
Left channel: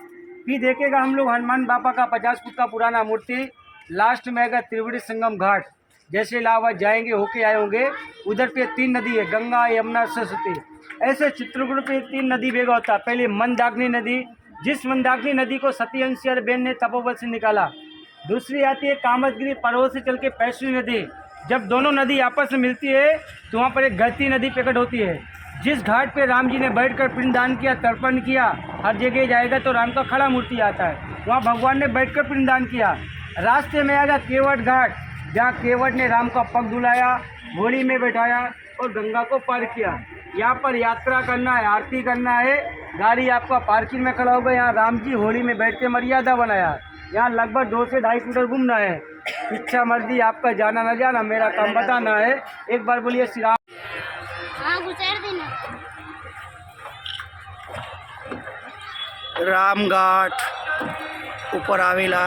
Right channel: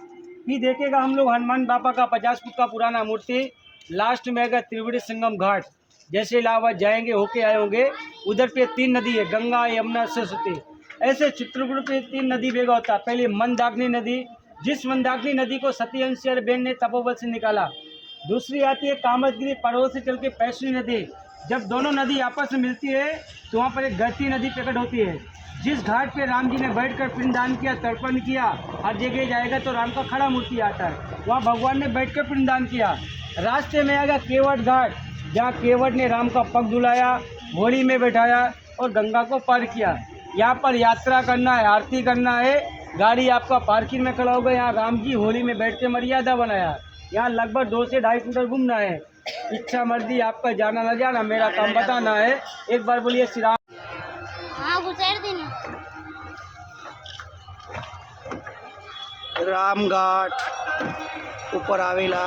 फिर देखेगा हम लोग हनुमान बाबा का 50 फुट का पुराना मूर्ति। लास्ट में आएगा त्रिवेणी संगम घाट। जैसे इलाहाबाद जाएंगे होके आए होंगे, उधर पे 3 नदी है, गंगा यमुना सरस्वती। ऐसे चित्रकूट पे 3 नदी बेगा होता है। पहले मंदाकिनी नदी, जिस मंदाकिनी नदी को सती अंशिया बेन ने तपोवन से निकाला। दूसरी आती है कामतगिरी पर्वत से चल के पैसवी नदी। जब दोनों नदी आपस में मिलती है तो वहाँ पर एक गहती नदी प्रकट होती है। जिस घाट पे राम जी ने बैठकर पिंडदान किया, तर्पण किया, हर जगह जाएगा तो राम का खड़ा मूर्ति आता है, वहाँ भगवान ने बैठकर पिंडदान किया। रास्ते में आएगा केवट घाट, जहाँ केवट ने राम का पग धुलाया, घोड़ी में बैठाया और गंगा को पार किया। यहाँ पर यात्रा करना है, आरती करना है, गाड़ी आपका पार्किंग में खड़ा होगा। यहाँ राम जी होली में बैठ के मर्यादा बनाया। यहाँ लगभग 2 से 2.5 किलोमीटर घूमना है। इच्छा मर्जी आपका, जाना न जाना, मेरा काम बताना है। एक बार बोलिए श्री राम। रामघाट ઉપર આવેલા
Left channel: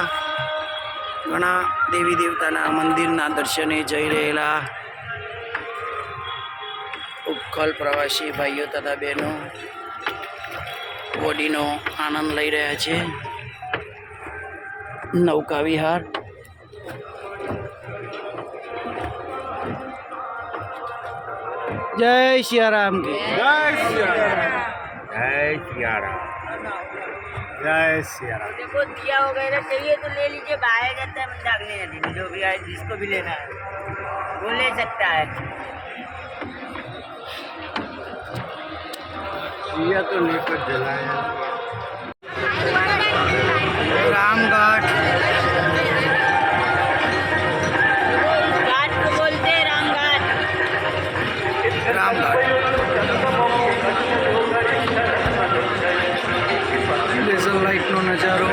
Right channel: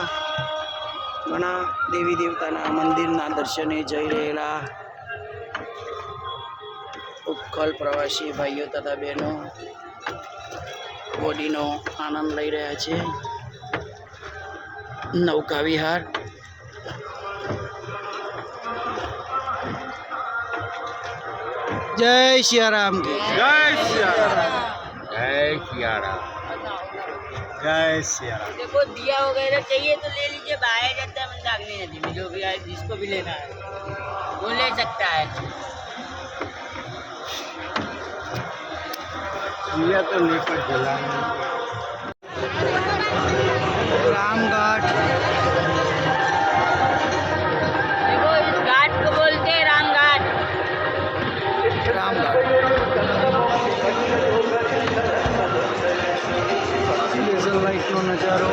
ઘણા દેવી દેવતાના મંદિરના દર્શને જઈ રહેલા ઉપખલ પ્રવાસી ભાઈઓ તથા બહેનો બોડીનો આનંદ લઈ રહ્યા છે। નૌકા વિહાર जय सियाराम की जय सिया राम। जय सिया राम। जय सिया राम। देखो दिया वगैरह चाहिए तो ले लीजिए, बाहर जाता है मंदाकिनी नदी में, जो भी आए जिसको भी लेना है वो ले सकता है। दिया तो लेकर जलाएं। रामघाट देखो इस घाट को बोलते हैं रामघाट। लेजर लाइट नो नजारो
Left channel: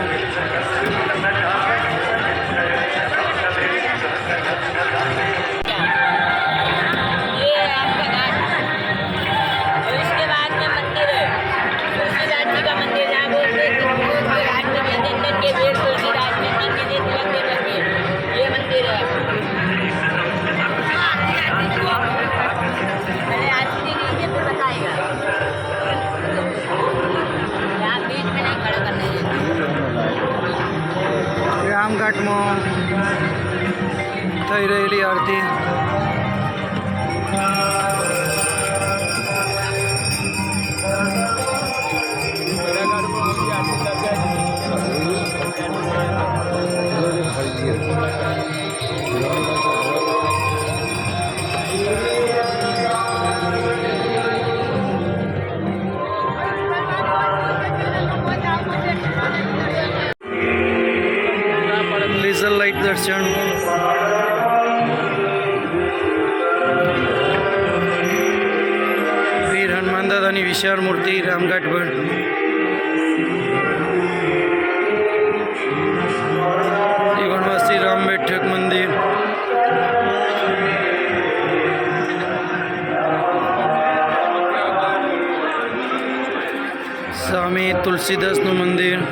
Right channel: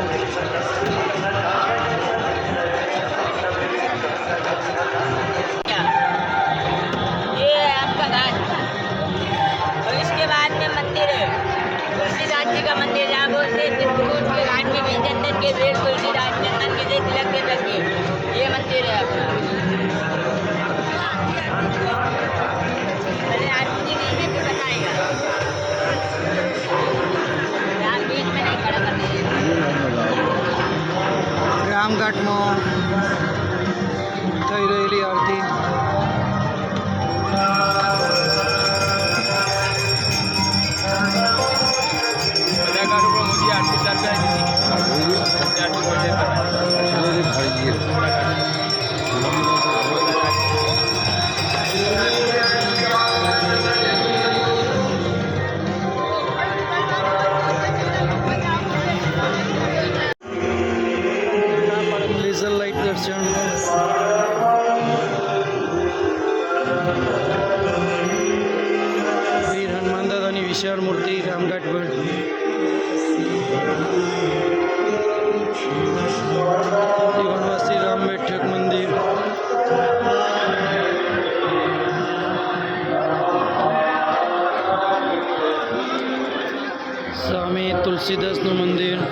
ये आपका घाट और इसके बाद में मंदिर है तुलसीदास जी का मंदिर जहाँ बोलते हैं घाट में चंदन के पेड़ तुलसीदास चंदन के लिए तिलक के लगे ये मंदिर है अरे आरती के लिए बताएगा यहाँ बीच में नहीं खड़ा करने रामघाट में थई रहेली आरती लेजर लाइट दर्शन वीर हनुमान दादानी विशाल मूर्ति रामघाट पर वनवासी राम बैठक मंदिर सामे तुलसीदास नु मंदिर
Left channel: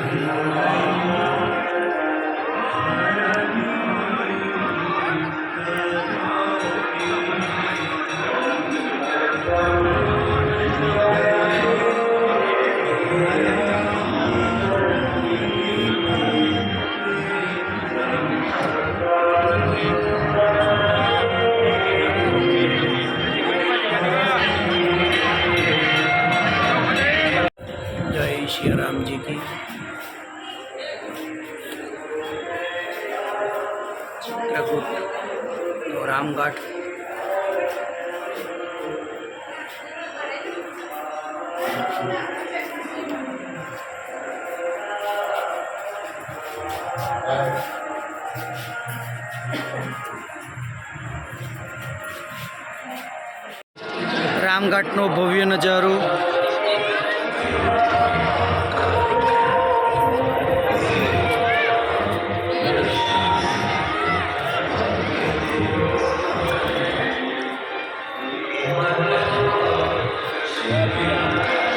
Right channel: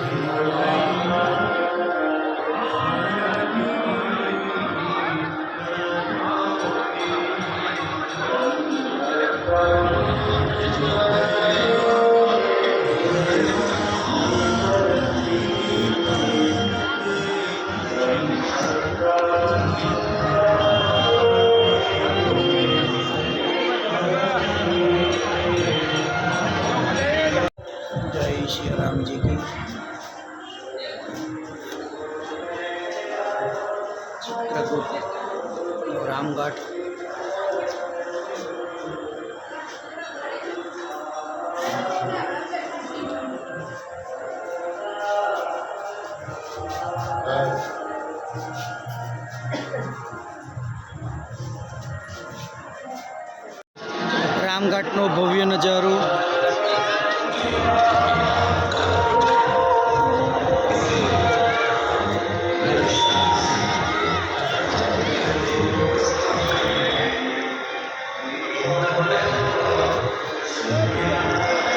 जय श्री राम जी की चित्रकूट और रामघाट રામઘાટનો ભવ્ય નજારો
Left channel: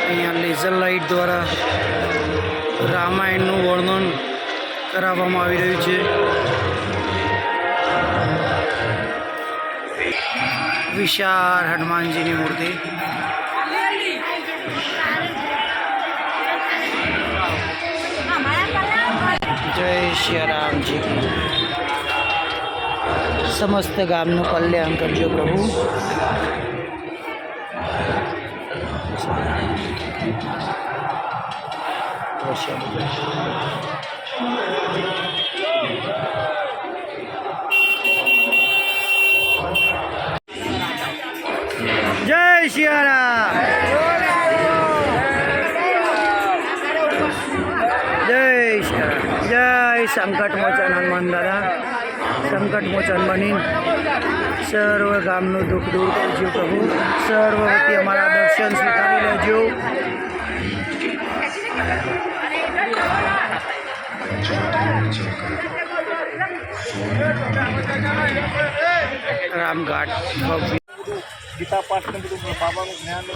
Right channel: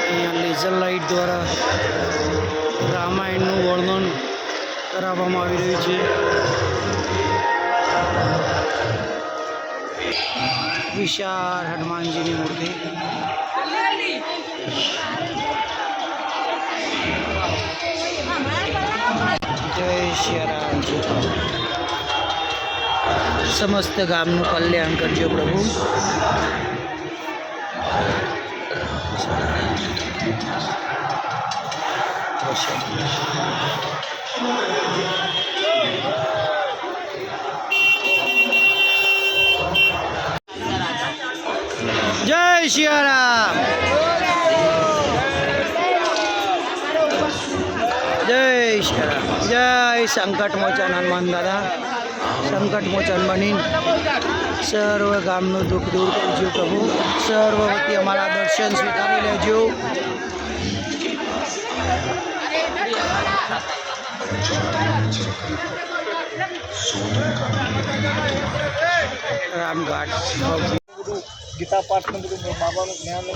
અહીંયા લેઝર લાઇટ દ્વારા રામાયણનું વર્ણન કરાવવામાં આવી રહ્યું છે विशाल हनुमान जी की मूर्ति जय श्री राम जी की समस्त गामનું કલ્યાણ કરજો પ્રભુ जय श्री राम जय श्री राम जय संकट मोचन हनुमान दादा संकट मोचन बनी सर्व गामનું दुख दूर करजो प्रभु सर्व वती अमारा दर्शन स्वीकारी लेजो रामघाट गीता पाठ में बाबा ज्ञान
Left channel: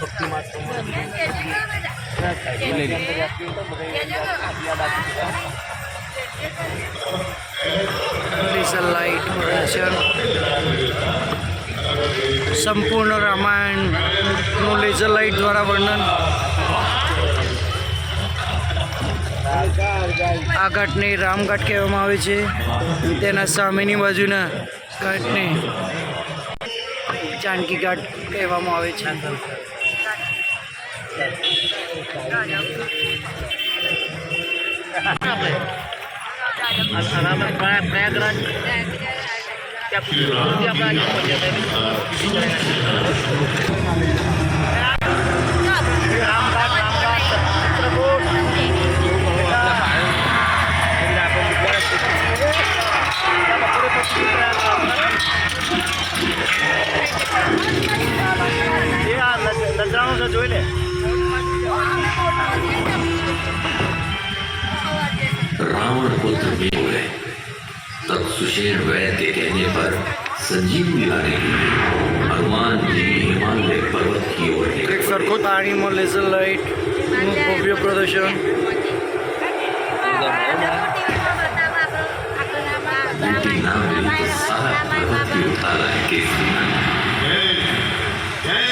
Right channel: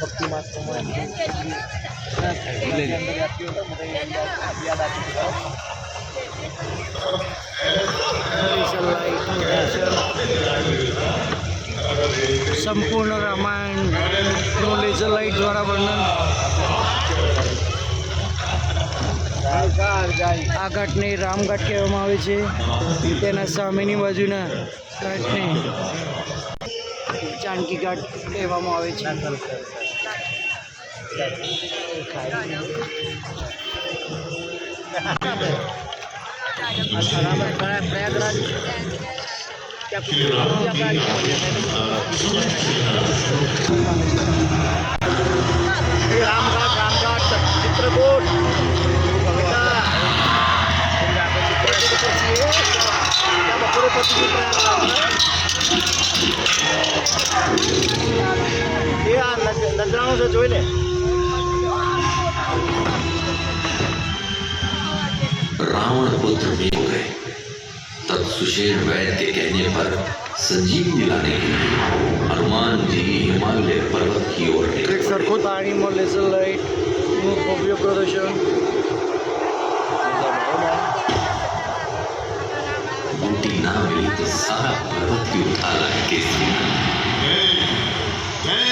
भक्ति लेजर लाइट प्रदर्शन संपूर्ण रामायण नो लेजर लाइट द्वारा वर्णन आ घाटने रामघाट कहेवामां आवे छे तेना सामेनी बाजुना घाटने जानकी घाट कहेवामां आवे छे रावण पुत्र भी हो गए। तब सुशेर वैद्य के कहने पर संजीवनी लाने के लिए हनुमान जी हिमालय पर्वत की ओर એક સરખો તાણીમાં લેઝર લાઇટનું ભવ્ય પ્રદર્શન. बूटी ना मिली तो सारा पर्वत की उठा लाए केसरी नंदन। जय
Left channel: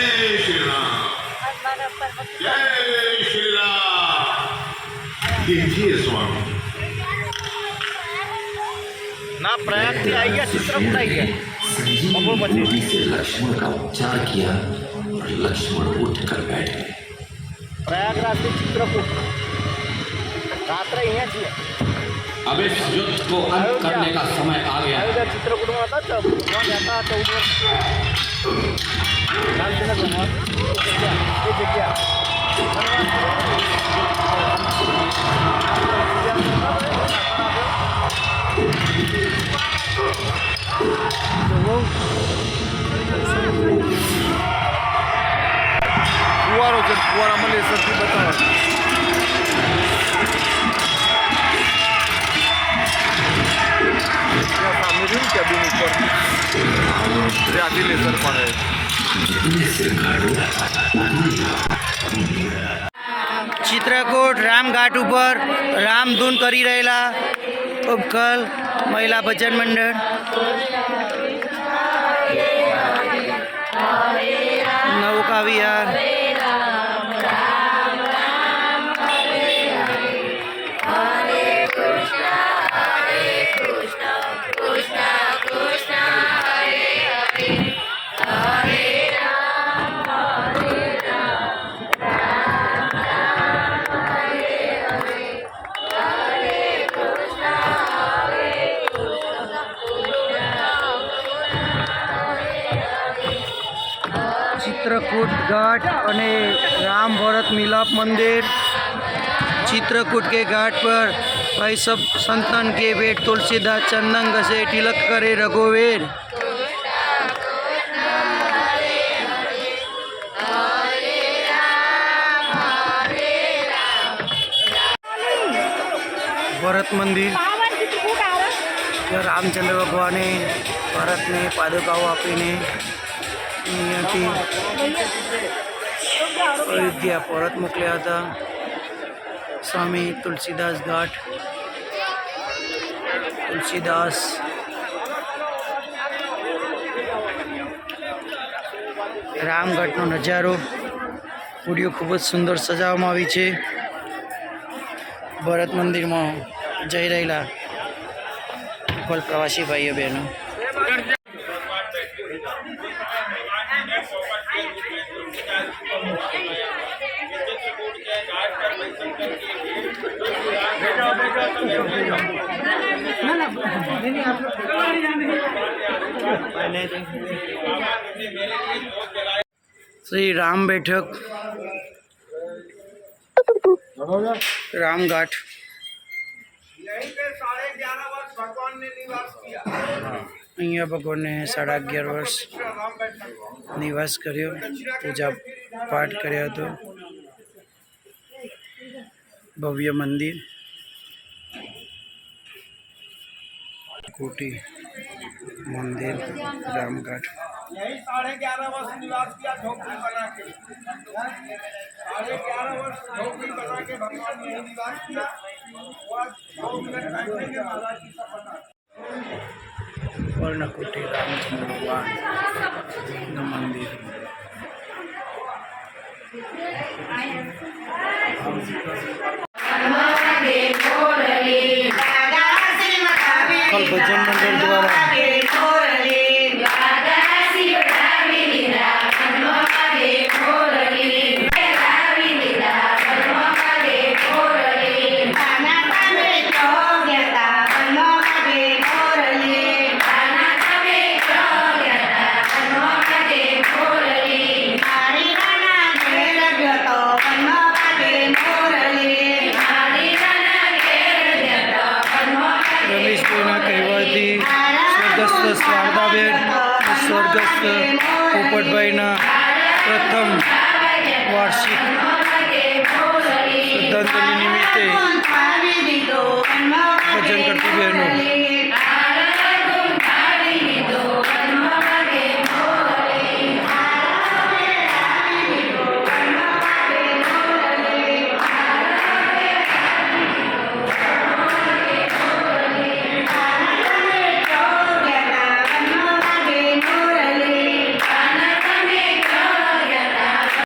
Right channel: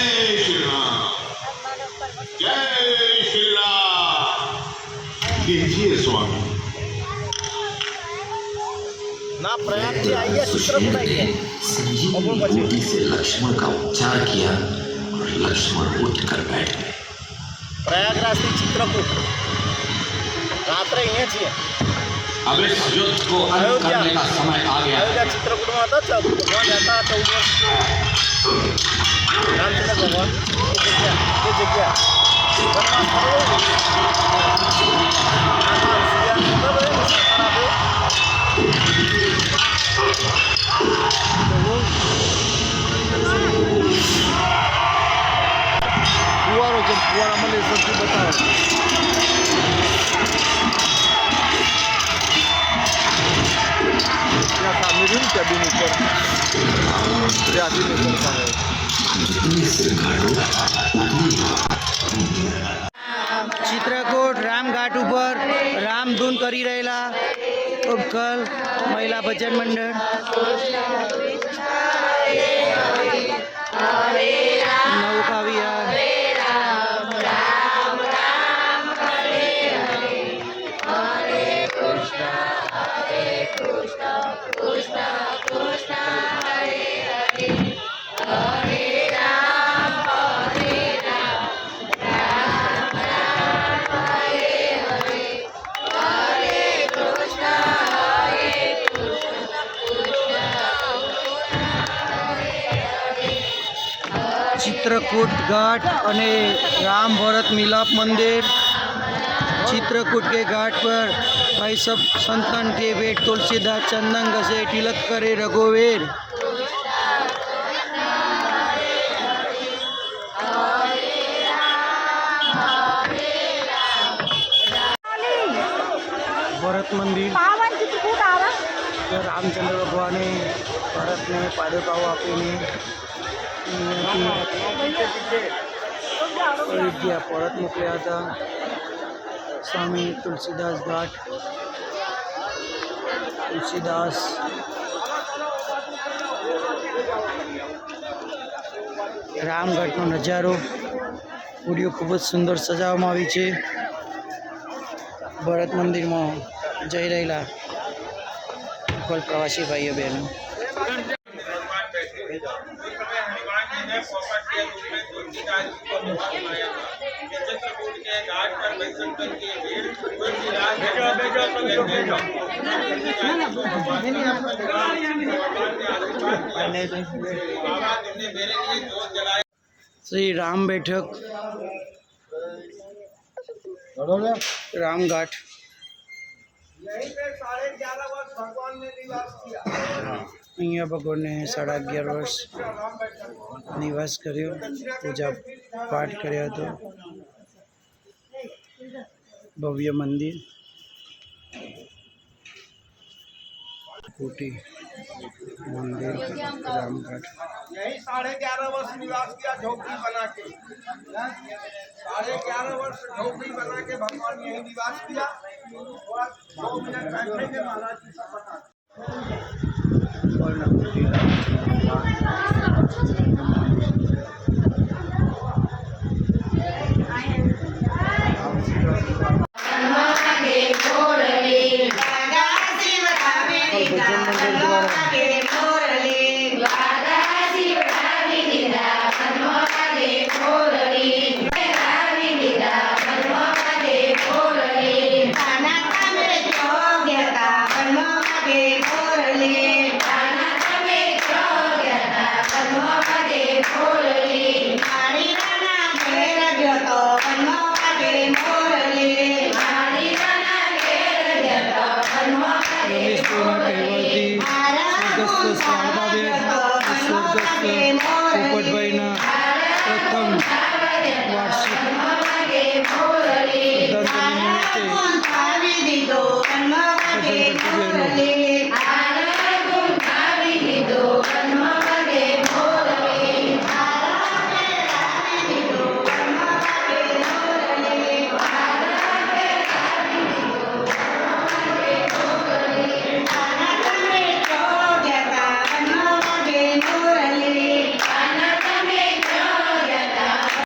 श्री राम, जय श्री राम। कीजिए स्वामी। संजीवनी बूटी से लक्ष्मण का उपचार किया और लक्ष्मण उठकर बैठ गए। अब इस युद्ध को अंत करने का समय आ गया है। ફુવારો છે, ફુવારામાં લેઝરથી બતાવો. ત્યાં સામે રહ્યું કેબિન ઉપર ત્યાંથી લેઝર પડે. ચિત્રકૂટ રામઘાટ ઉપર રામધૂન કરી રહેલા ઉપકલ મહિલા ભજન મંડળ. નૌકા વિહાર. चित्रकूट घाट અને राम भरत मिलाप मंदिर. चित्रकूट के घाट पर भाई सब संतन के भेंट तुलसीदास चंदन घसे तिलक करे रघुवीर. भरत मंदिर. रामचंद्र भगवाने भरतने पादुकाओ આપીને અહીંયાથી અયોધ્યા પરત મોકલ્યા હતા. સ્વામી તુલસીદાસ ઘાટ. તુલસીદાસ રામઘાટનો નજારો વિડીયો ખૂબ જ સુંદર સજાવવામાં આવી છે. ભરત મંદિરમાં જઈ રહેલા કોલ પ્રવાસી ભાઈઓ બહેનો. श्री राम बैठक रामघाट. અહીંયા ભગવાને 11.5 વર્ષ નિવાસ કર્યો, પૂજા પાઠ કર્યો હતો. ભવ્ય મંદિર, कोटी मंदिर रामघाट. यही 11.5 वर्ष निवास किया झोपड़ी बना के। 11.5 वर्ष झोपड़ी बना के भगवान ने यही निवास किया। कोटी रामचंद्र भगवान मंदिर. कल भजन मंडल द्वारा રમેશભાઈના કહેવાથી સ્વર્ગસ્થ શારદાબેન, સ્વર્ગસ્થ પોપટભાઈના પ્રથમ વાર્ષિક શ્રદ્ધાંજલિ નિમિત્તે ભજન કરતી બહેનો